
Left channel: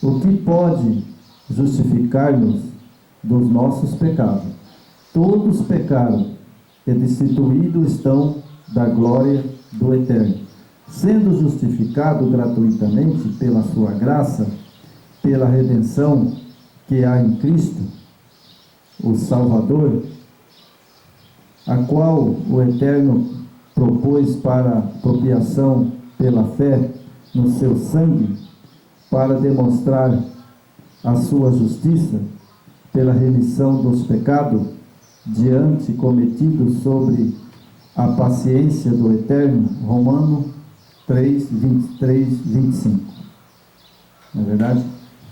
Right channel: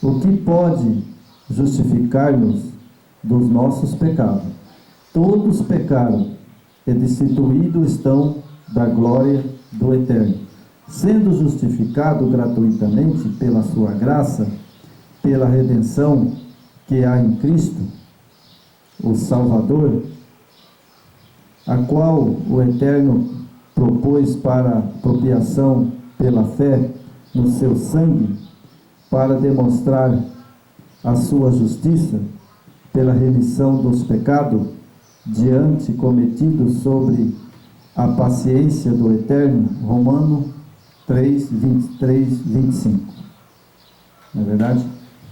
O que pode justificar-nos dos nossos pecados? Todos pecaram e destituídos estão da glória do Eterno. Sendo justificado gratuitamente pela sua graça, pela redenção que há em Cristo, o Salvador, a qual o Eterno propôs para propiação pela fé no seu sangue, para demonstrar a sua justiça pela remissão dos pecados diante cometidos sobre a paciência do Eterno. Romanos 3, 23, 25. Não é verdade?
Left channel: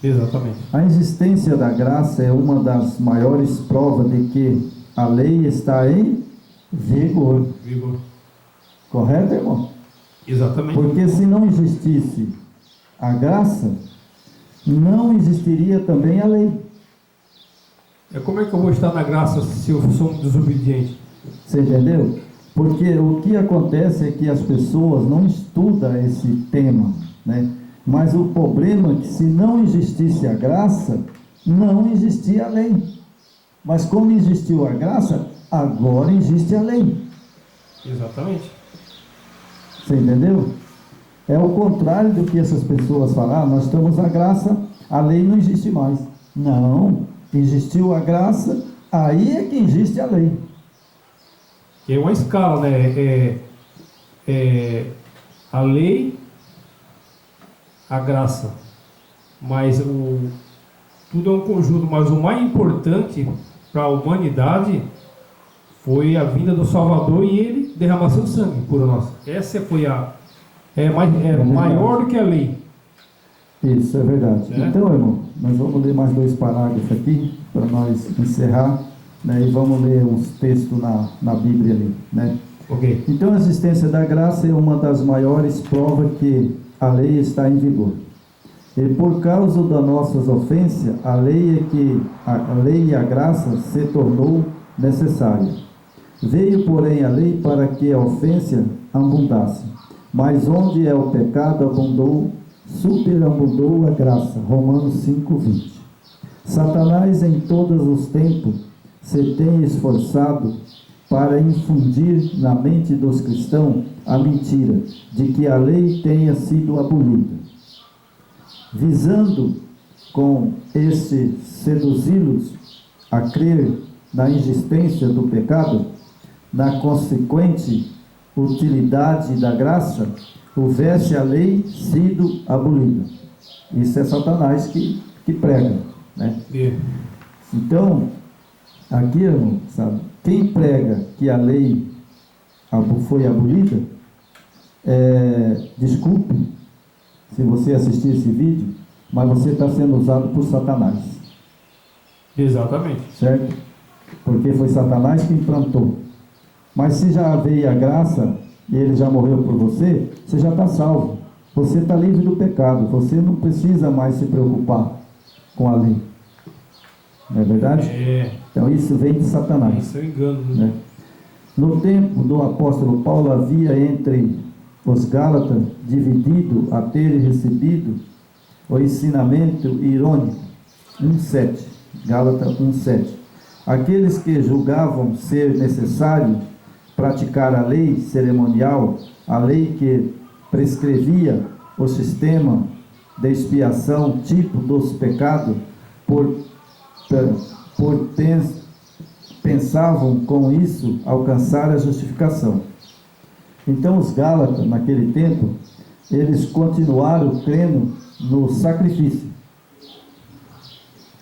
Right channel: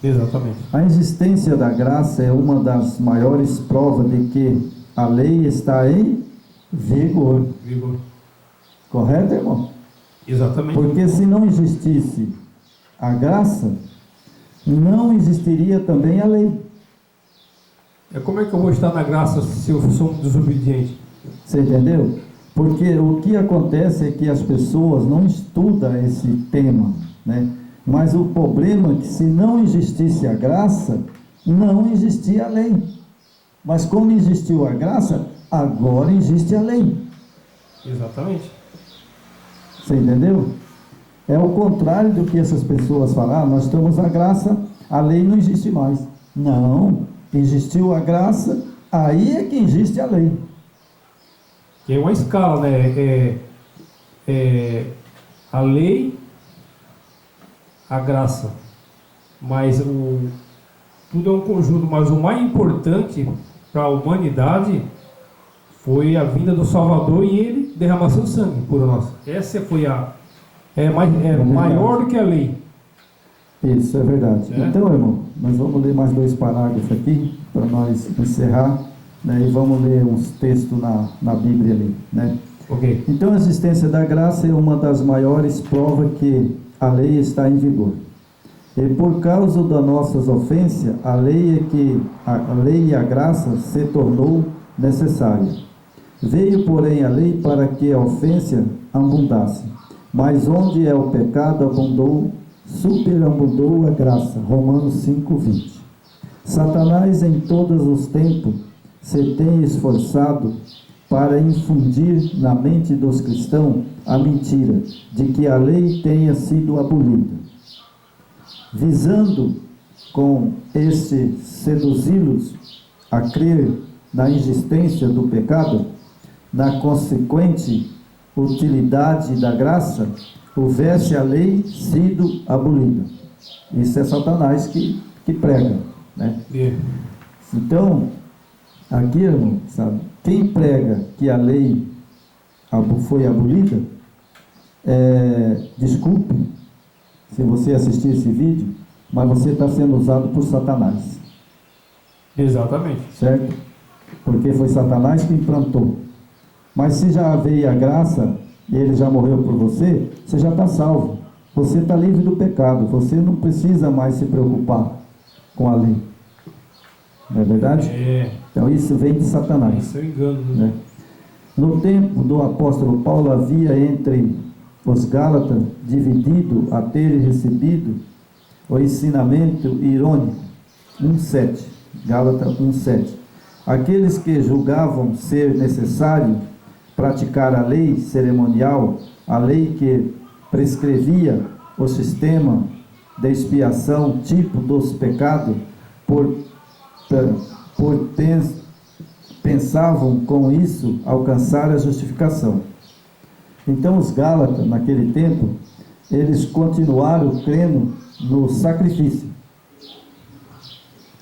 Exatamente. A existência da graça é uma das maiores provas de que a lei está em vigor. Correto, irmão? Exatamente. Porque se não existisse a graça, não existiria também a lei. Como é que eu vou estar na graça se eu sou um desobediente? Você entendeu? Porque o que acontece é que as pessoas não estudam esse tema, né? Mas o problema é que se não existisse a graça, não existia a lei. Mas como existiu a graça, agora existe a lei. Exatamente. Você entendeu? É o contrário do que essas pessoas falam. Nós estamos a graça, a lei não existe mais. Não, existiu a graça, aí é que existe a lei. Que é uma escala, né? A lei, a graça, mas tudo é um conjunto, mas o mais importante para a humanidade foi a vinda do Salvador e ele derramar seu sangue por nós. Essa foi maior do que a lei. Isso é verdade. Então, irmão, nós vamos ler mais 2 parágrafos aqui para nós encerrar, né? E vamos ler uns textos na Bíblia ali, né? Ok. Então, a existência da graça é uma das maiores provas que a lei está em vigor. E por causa das nossas ofensas, a lei e a graça se tornou necessária. Veio, porém, a lei para que a ofensa abundasse. Mas onde é o pecado, superabundou a graça. Romanos 5:20. Satanás em todos os tempos se tem esforçado para infundir na mente dos cristãos a mentira de que a lei tenha sido abolida, visando com este seduzi-los a crer na existência do pecado, na consequente utilidade da graça, houvesse a lei sido abolida. Isso é Satanás que prega, né? Então, aqui, irmão, sabe, quem prega que a lei foi abolida, desculpe, se você assistir esse vídeo, mas você está sendo usado por Satanás. Exatamente. Certo? Porque foi Satanás que implantou. Mas se já veio a graça e ele já morreu por você, você já está salvo. Você está livre do pecado. Você não precisa mais se preocupar com a lei. Não é verdade? Então isso vem de Satanás. Isso é um engano, né? No tempo do apóstolo Paulo havia entre os Gálatas dividido a terem recebido o ensinamento irônico. 1:7. Gálatas 1:7. Aqueles que julgavam ser necessário praticar a lei cerimonial, a lei que prescrevia o sistema de expiação tipo dos pecados, pensavam com isso alcançar a justificação. Então os Gálatas, naquele tempo, eles continuaram crendo no sacrifício.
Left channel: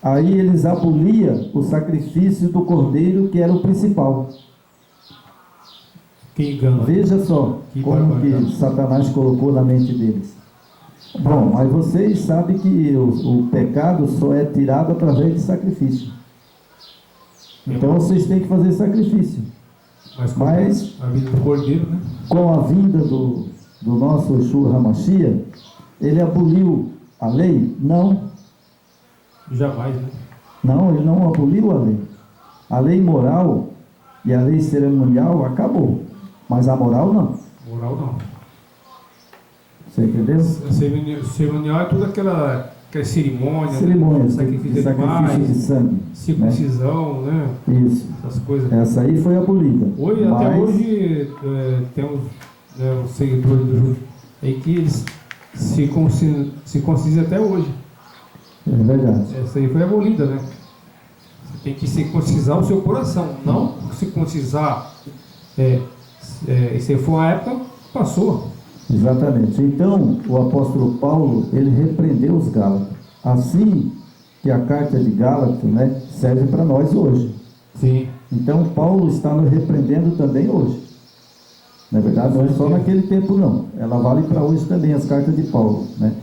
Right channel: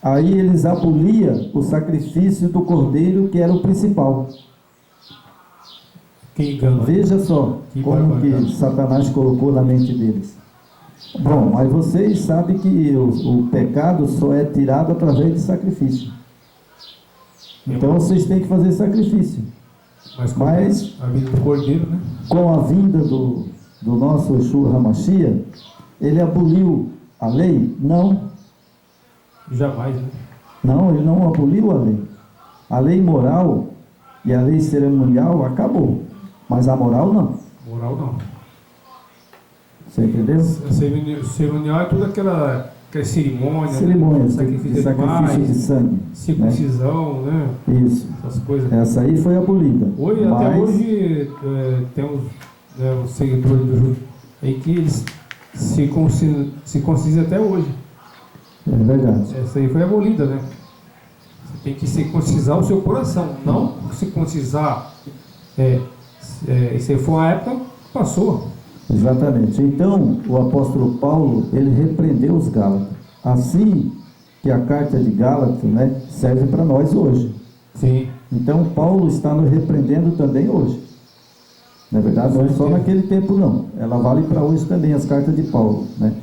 Aí eles aboliam o sacrifício do cordeiro, que era o principal. Que engano. Veja só como que Satanás colocou na mente deles. Bom, mas vocês sabem que o pecado só é tirado através de sacrifício. Então vocês têm que fazer sacrifício. Mas a vida do cordeiro, né? Com a vinda do nosso Yeshua HaMashiach, ele aboliu a lei? Não. Jamais, né? Não, ele não aboliu a lei. A lei moral e a lei cerimonial acabou, mas a moral não. Moral não. Você entendeu? Cerimonial é tudo aquela cerimônia, cerimônias, sacrifício de animais, de sangue, circuncisão, né? Isso. Essas coisas. Essa aí foi abolida. Até hoje temos os seguidores do judaísmo aí que eles se circuncidam até hoje. É verdade. Essa aí foi abolida, né? Você tem que circuncisar o seu coração, não circuncisar. Se for a época, passou. Exatamente. Então, o apóstolo Paulo, ele repreendeu os Gálatas. Assim que a carta de Gálatas, né, serve para nós hoje. Sim. Então, Paulo está nos repreendendo também hoje. Não é verdade? Não é só naquele tempo, não. Ela vale para hoje também, as cartas de Paulo, né?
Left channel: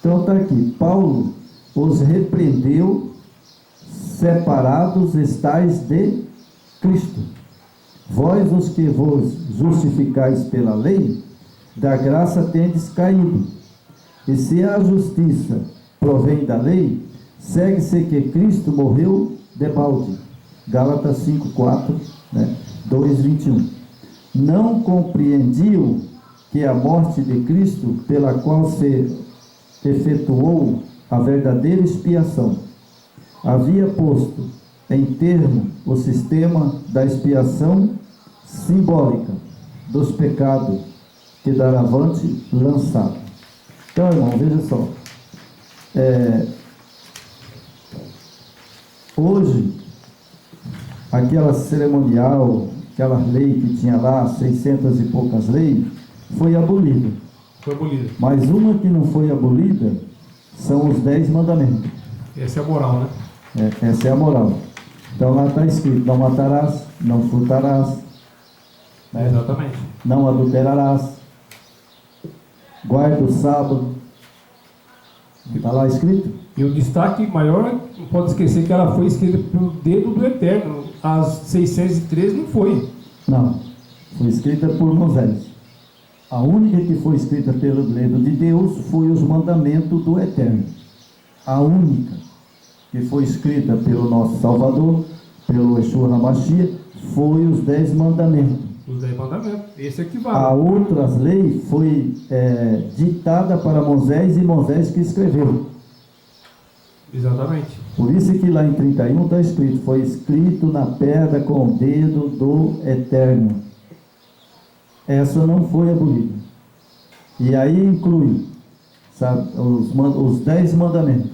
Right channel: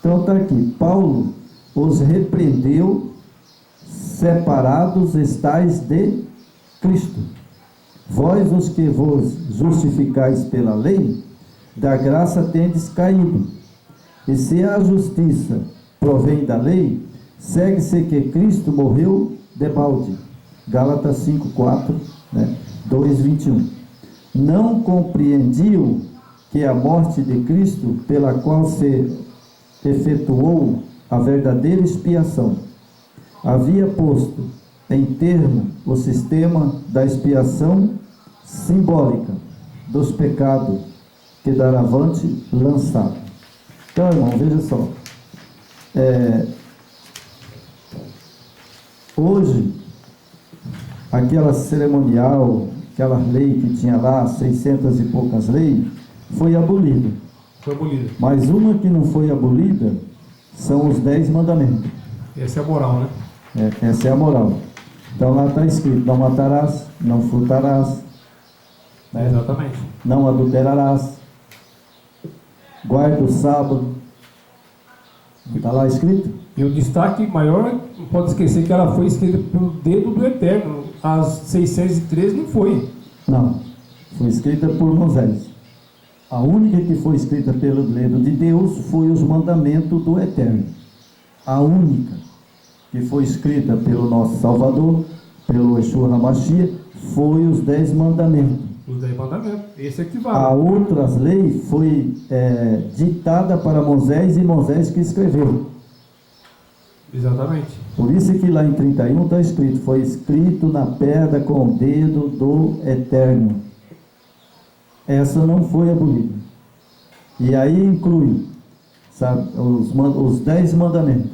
Então, está aqui. Paulo os repreendeu, separados estais de Cristo. Vós, os que vos justificais pela lei, da graça tendes caído. E se a justiça provém da lei, segue-se que Cristo morreu debalde. Gálatas 5:4, né? 2:21. Não compreendiam que a morte de Cristo, pela qual se efetuou a verdadeira expiação, havia posto em termo o sistema da expiação simbólica dos pecados que daravante lançado. Então, irmão, veja só. Hoje, aquela cerimonial, aquela lei que tinha lá, 600 e poucas leis, foi abolida. Foi abolida. Mas uma que não foi abolida são os 10 mandamentos. Essa é a moral, né? Essa é a moral. Então lá está escrito: não matarás, não furtarás, né? Exatamente. Não adulterarás, guarda o sábado. Está lá escrito? E o destaque maior, não pode esquecer que ela foi escrita pelo dedo do Eterno. As 613 não foi. Não, foi escrita por Moisés. A única que foi escrita pelo dedo de Deus foi os mandamentos do Eterno. A única que foi escrita pelo nosso Salvador, pelo Yeshua HaMashiach, foi os 10 mandamentos. Os 10 mandamentos, esse aqui vale. A outras leis foi ditada para Moisés e Moisés que escreveu. Exatamente. Por isso que lá em 31 está escrito: foi escrito na pedra com o dedo do Eterno. Essa não foi abolida. E aí inclui, sabe, os 10 mandamentos.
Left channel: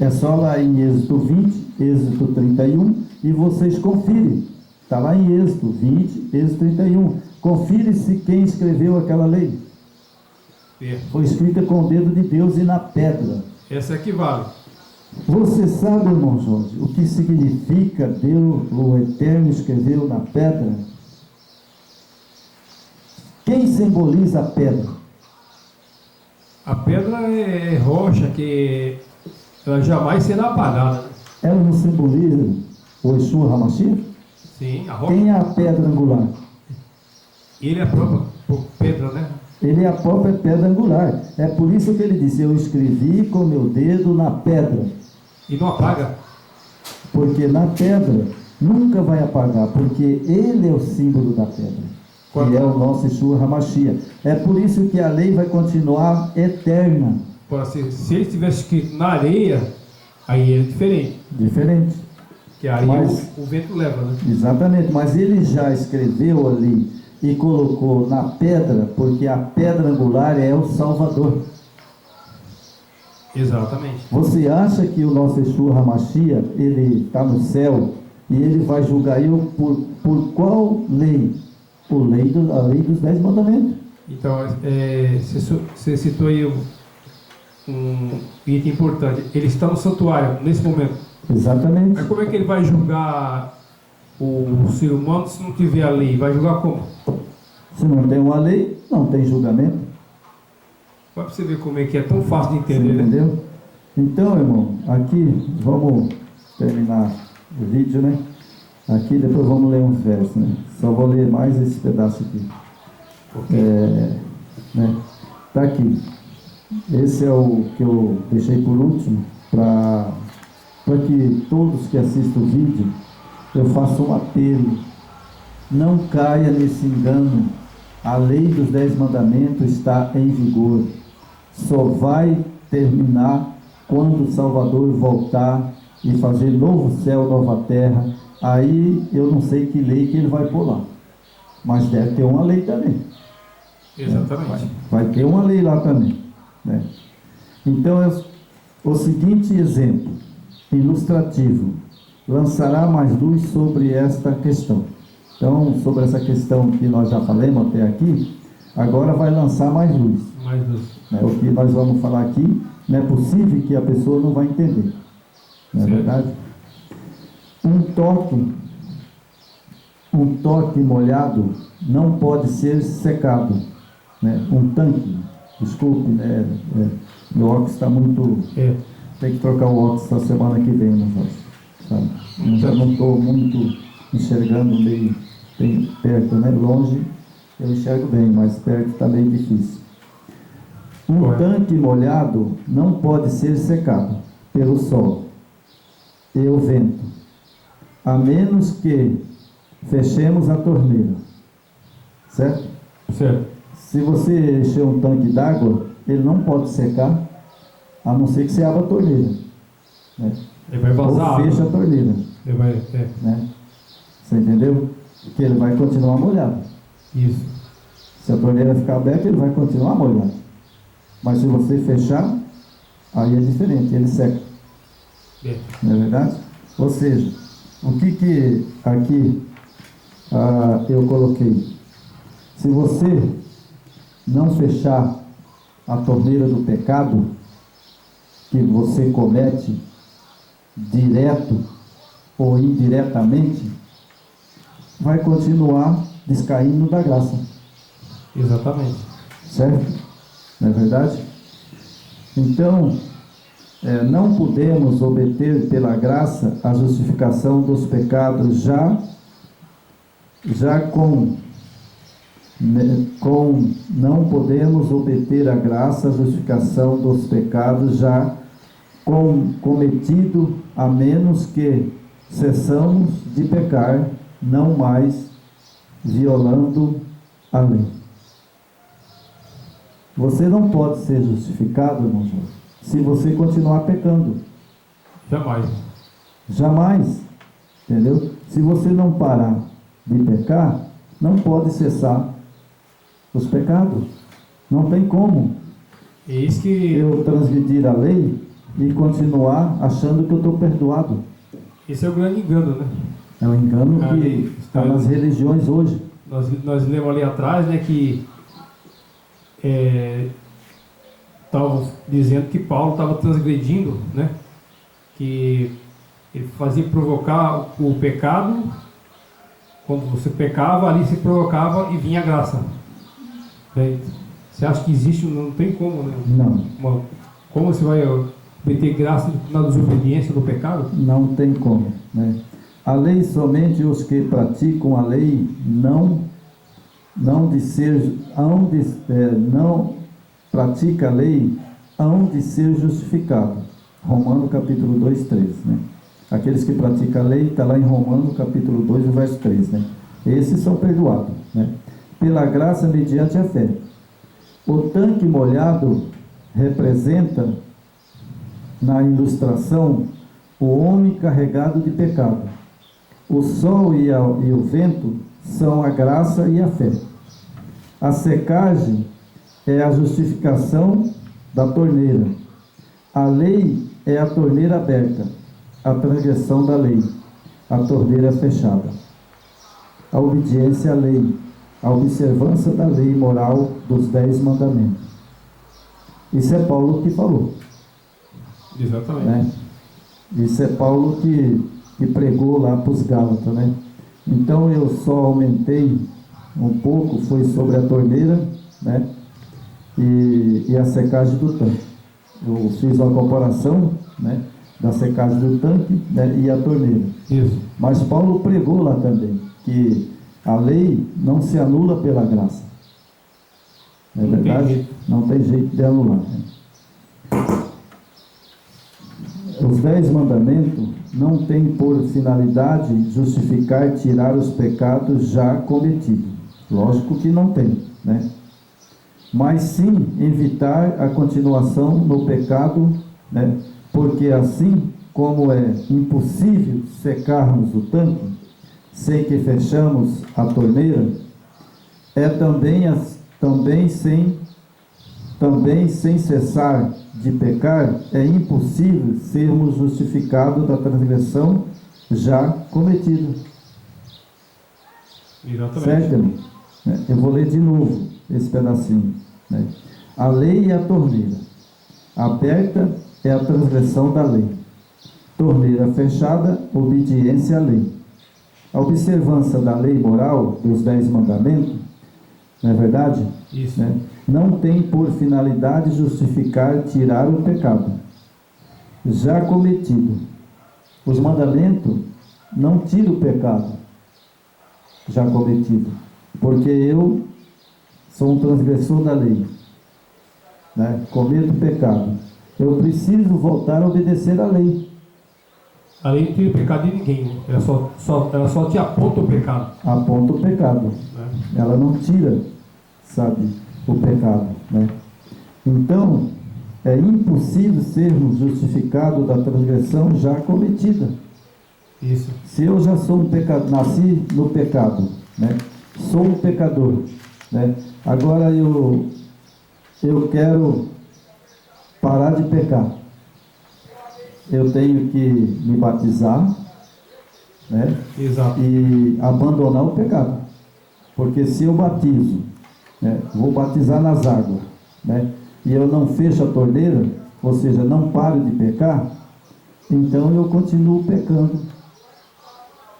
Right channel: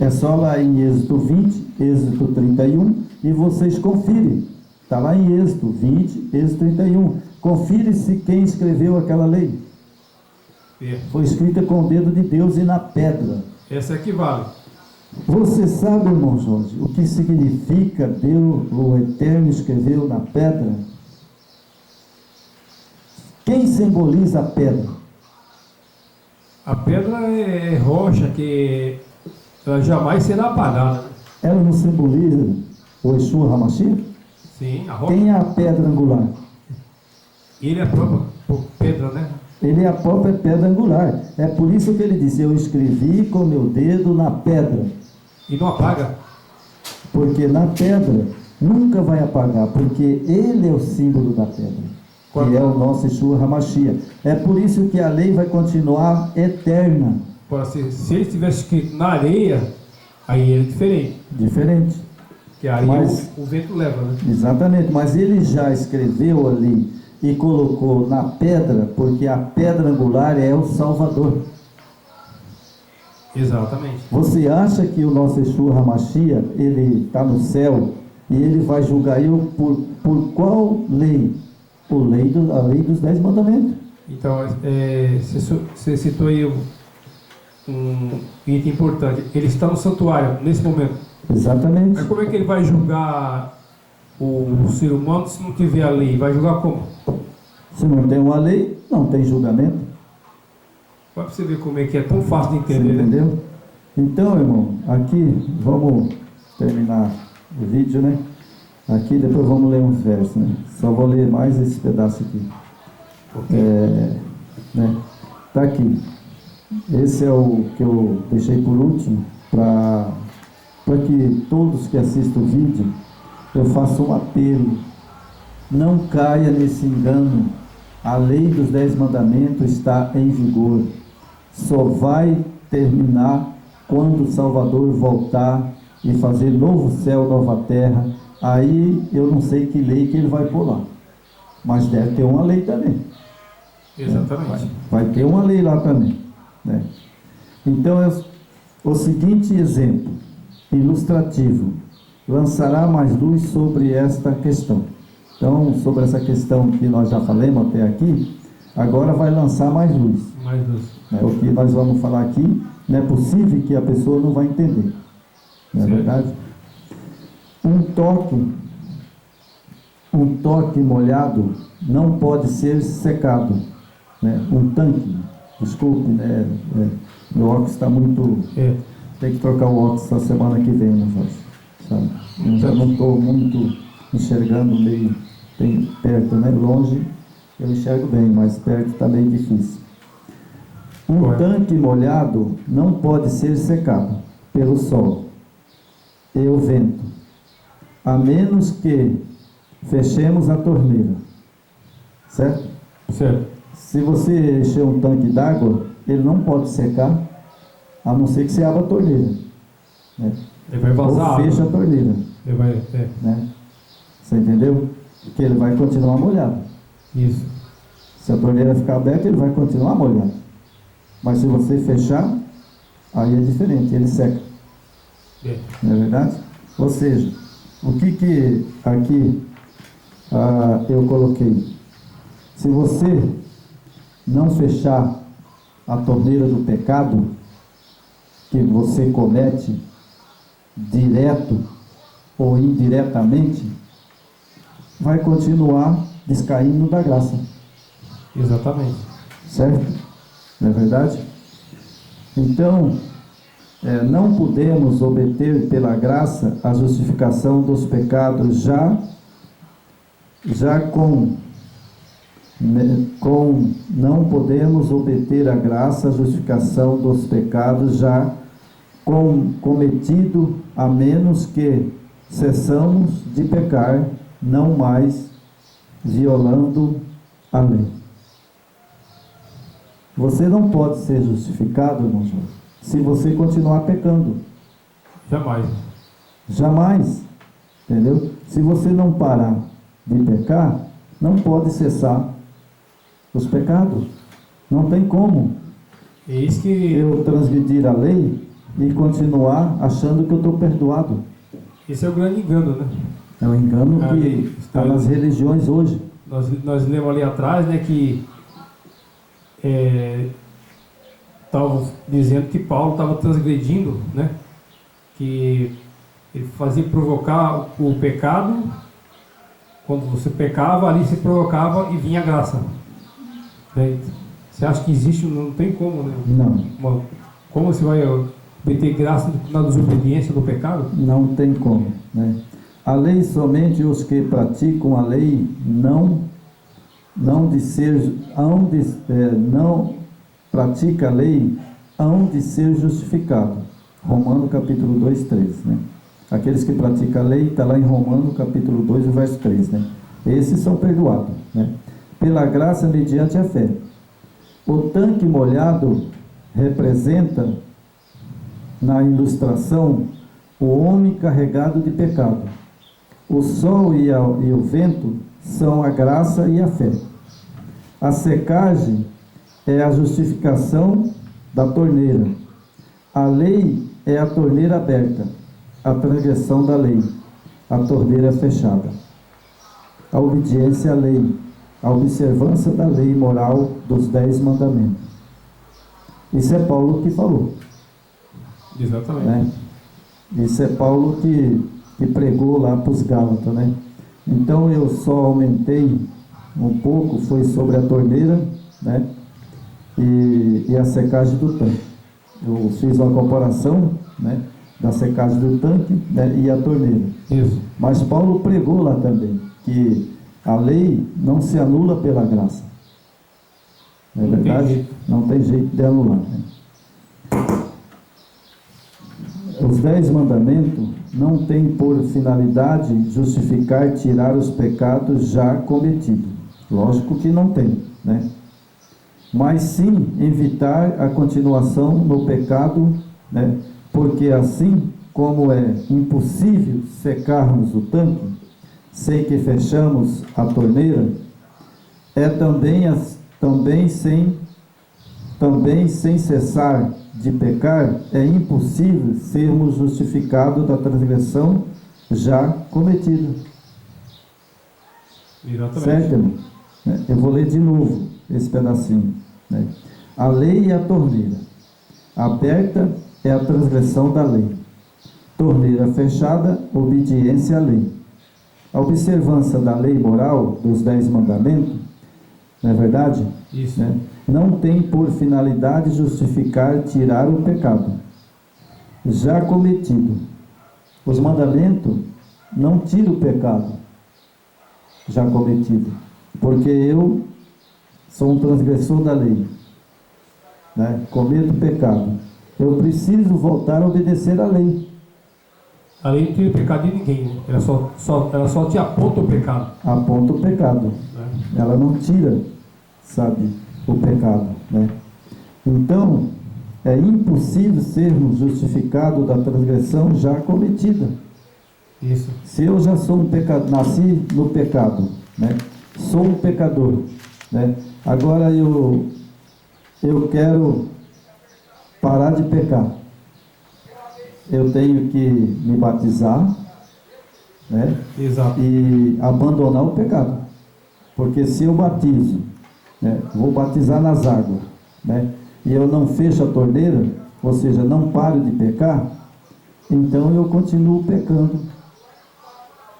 É só lá em Êxodo 20, Êxodo 31, e vocês confirem. Está lá em Êxodo 20, Êxodo 31. Confire-se quem escreveu aquela lei. Foi escrita com o dedo de Deus e na pedra. Essa aqui vale. Você sabe, irmão Jorge, o que significa Deus, o Eterno, escreveu na pedra? Quem simboliza a pedra? A pedra é rocha que ela jamais será apagada, né? Ela não simboliza o Yeshua HaMashiach? Sim, a rocha. Quem é a pedra angular? Ele é a própria pedra, né? Ele é a própria pedra angular. É por isso que ele disse: eu escrevi com meu dedo na pedra. E não apaga. Porque na pedra nunca vai apagar, porque ele é o símbolo da pedra. Quando? Ele é o nosso Yeshua HaMashiach. É por isso que a lei vai continuar eterna. Se ele tivesse escrito na areia, aí é diferente. Diferente. Que a areia Mas- o vento leva, né? Exatamente, mas ele já escreveu ali e colocou na pedra, porque a pedra angular é o Salvador. Exatamente. Você acha que o nosso Yeshua HaMashiach, ele está no céu e ele vai julgar eu por qual lei? A lei dos 10 mandamentos. Então, você citou aí um item importante. Ele está no santuário nesse momento. Exatamente. Mas como é que ele vai julgar o ser humano se não tiver a lei? Vai julgar como? Se não tem uma lei, não tem julgamento. Vai para você ver como é que é tão fácil de Você entender, né? entendeu? Então, irmão, aqui vamos terminar o vídeo, né? Aqui depois vamos ler uns versos, né? Só vou ler mais esse pedaço aqui. Ok. Né? Tá aqui. Esse é o que eu deixei por último para que todos que assistem o vídeo eu faço um apelo. Não caia nesse engano. A lei dos 10 mandamentos está em vigor. Só vai terminar quando o Salvador voltar e fazer novo céu, nova terra. Aí eu não sei que lei que ele vai pôr lá, mas deve ter uma lei também. Exatamente. Vai ter uma lei lá também, né? Então é o seguinte exemplo ilustrativo lançará mais luz sobre esta questão. Então, sobre essa questão que nós já falamos até aqui, agora vai lançar mais luz. Mais luz. Né? O que nós vamos falar aqui, não é possível que a pessoa não vai entender. Não é Certo. verdade? Um toque molhado não pode ser secado. Né? Um tanque, desculpe, né? Meu óculos está muito... Tem que trocar o óculos na semana que vem, não faz, sabe? Eu não estou muito enxergando meio perto, né? Longe eu enxergo bem, mas perto está meio difícil. Um tanque molhado não pode ser secado pelo sol e o vento, a menos que fechemos a torneira, certo? Certo. Se você encher um tanque d'água, ele não pode secar, a não ser que você abra a torneira, né? Ele vai vazar. Ou fecha a torneira, Ele vai. né? Você entendeu? Porque ele vai continuar molhado. Isso. Se a torneira ficar aberta, ele vai continuar molhado. Mas se você fechar, aí é diferente, ele seca. Não é verdade? Ou seja, o que aqui eu coloquei? Se você não fechar a torneira do pecado que você comete direto ou indiretamente, vai continuar descaindo da graça. Exatamente. Certo? Não é verdade? Então, não podemos obter pela graça a justificação dos pecados não podemos obter a graça, a justificação dos pecados já cometido, a menos que cessamos de pecar, não mais violando a lei. Você não pode ser justificado, irmão João, se você continuar pecando. Jamais. Jamais. Entendeu? Se você não parar de pecar, não pode cessar os pecados. Não tem como É isso que. eu transgredir a lei e continuar achando que eu estou perdoado. Esse é o grande engano, né? É um engano Ali que está nas religiões hoje. Nós lemos ali atrás, né, que estavam dizendo que Paulo estava transgredindo, né? Que ele fazia provocar o pecado. Quando você pecava, ali se provocava e vinha a graça. Né? Você acha que existe? Não tem como, né? Não. Como você vai obter graça na desobediência do pecado? Não tem como, né? A lei, somente os que praticam a lei não pratica a lei, hão de ser justificado. Romanos capítulo 2, 13, né? Aqueles que praticam a lei, está lá em Romanos capítulo 2, verso 3, né? Esses são perdoados, né? Pela graça mediante a fé. O tanque molhado representa, na ilustração, o homem carregado de pecado. O sol e o vento são a graça e a fé. A secagem é a justificação da torneira. A lei é a torneira aberta, a transgressão da lei, a torneira fechada. A obediência à lei, a observância da lei moral dos 10 mandamentos. Isso é Paulo que falou. Exatamente. Né? Isso é Paulo que pregou lá para os Gálatas, né? Então eu só aumentei um pouco, foi sobre a torneira, né? E a secagem do tanque. Eu fiz uma comparação, né, da secagem do tanque, né, e a torneira. Isso. Mas Paulo pregou lá também que a lei não se anula pela graça. É verdade? Não tem jeito de anular, né? Os 10 mandamentos não têm por finalidade justificar, tirar os pecados já cometidos. Lógico que não tem, né? Mas sim evitar a continuação no pecado, né? Porque assim como é impossível secarmos o tanque sem que fechamos a torneira, é também sem cessar de pecar, é impossível sermos justificados da transgressão já cometida. Exatamente. Certo, irmão? Eu vou ler de novo esse pedacinho, né? A lei é a torneira. Aberta é a transgressão da lei. Torneira fechada, obediência à lei. A observância da lei moral dos 10 mandamentos, não é verdade? Isso. Né? Não tem por finalidade justificar, tirar o pecado já cometido. Os mandamentos não tiram o pecado já cometido, porque eu sou um transgressor da lei, né? Cometo pecado. Eu preciso voltar a obedecer à lei. A lei não tira o pecado de ninguém, né? Ela só te aponta o pecado. Aponta o pecado, Né? Ela não tira, sabe, o pecado, né? Então, é impossível sermos justificados da transgressão já cometida. Isso. Se eu já sou um pecador, nasci no pecado, né? Sou um pecador, né? Agora eu quero parar de pecar. Eu tenho que me batizar, né? Exato. E abandonar o pecado. Porque se eu batizo, né, vou batizar nas águas, né, e eu não fecho a torneira, ou seja, não paro de pecar, então eu continuo pecando.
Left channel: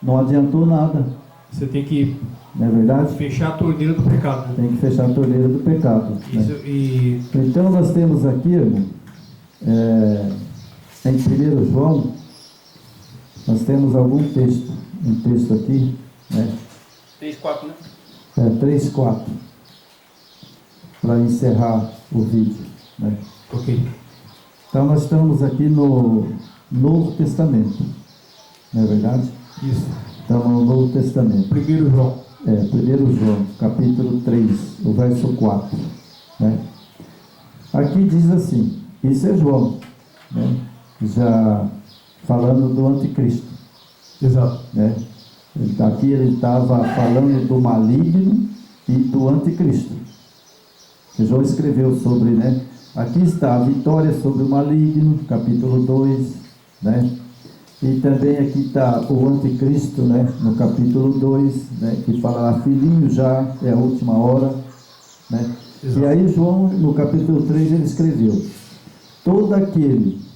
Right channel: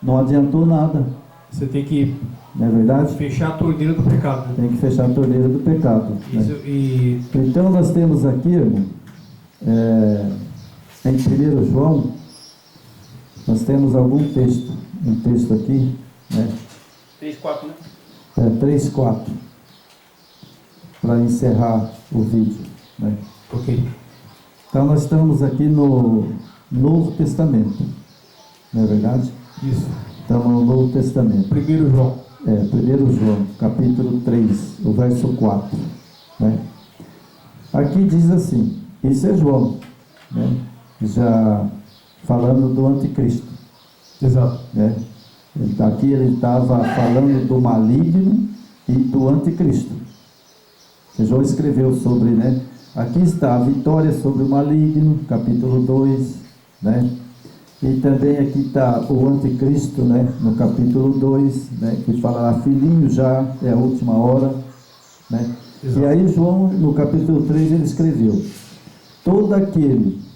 Não adiantou nada. Você tem que, não é verdade? Fechar a torneira do pecado. Né? Tem que fechar a torneira do pecado. Isso, né? Então nós temos aqui, irmão, em 1 João, nós temos algum texto, um texto aqui, né? 3:4, né? 3:4, para encerrar o vídeo, né? Ok. Então nós estamos aqui no Novo Testamento, não é verdade? Isso. Estamos no Novo Testamento. 1 João. 1 João, capítulo 3, o verso 4, né? Aqui diz assim, isso é João, né? Já falando do anticristo. Exato. Né? Aqui ele estava falando do maligno e do anticristo. Que João escreveu sobre, né? Aqui está a vitória sobre o maligno, capítulo 2, né? E também aqui está o anticristo, né? No capítulo 2, né? Que fala, filhinho, já é a última hora, né? E aí João, no capítulo 3, ele escreveu, todo aquele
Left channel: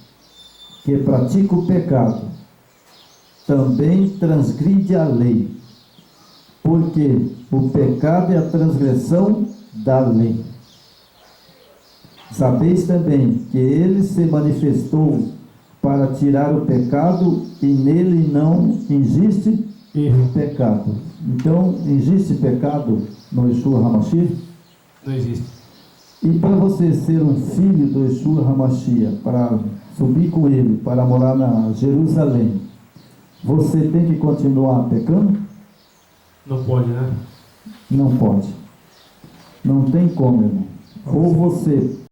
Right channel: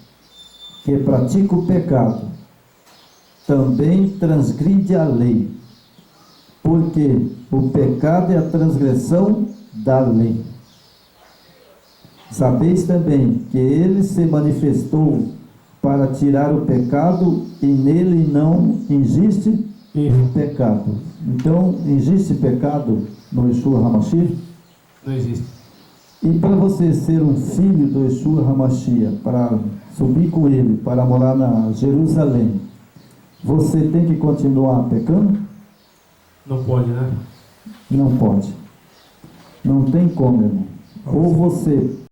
que pratica o pecado também transgride a lei, porque o pecado é a transgressão da lei. Sabeis também que ele se manifestou para tirar o pecado e nele não existe Erro. pecado. Então, existe pecado no Yeshua HaMashiach? Não existe. E para você ser um filho do Yeshua HaMashiach, para subir com ele, para morar na Jerusalém, você tem que continuar pecando? Não pode, né? Não pode. Não tem como, irmão. Ou você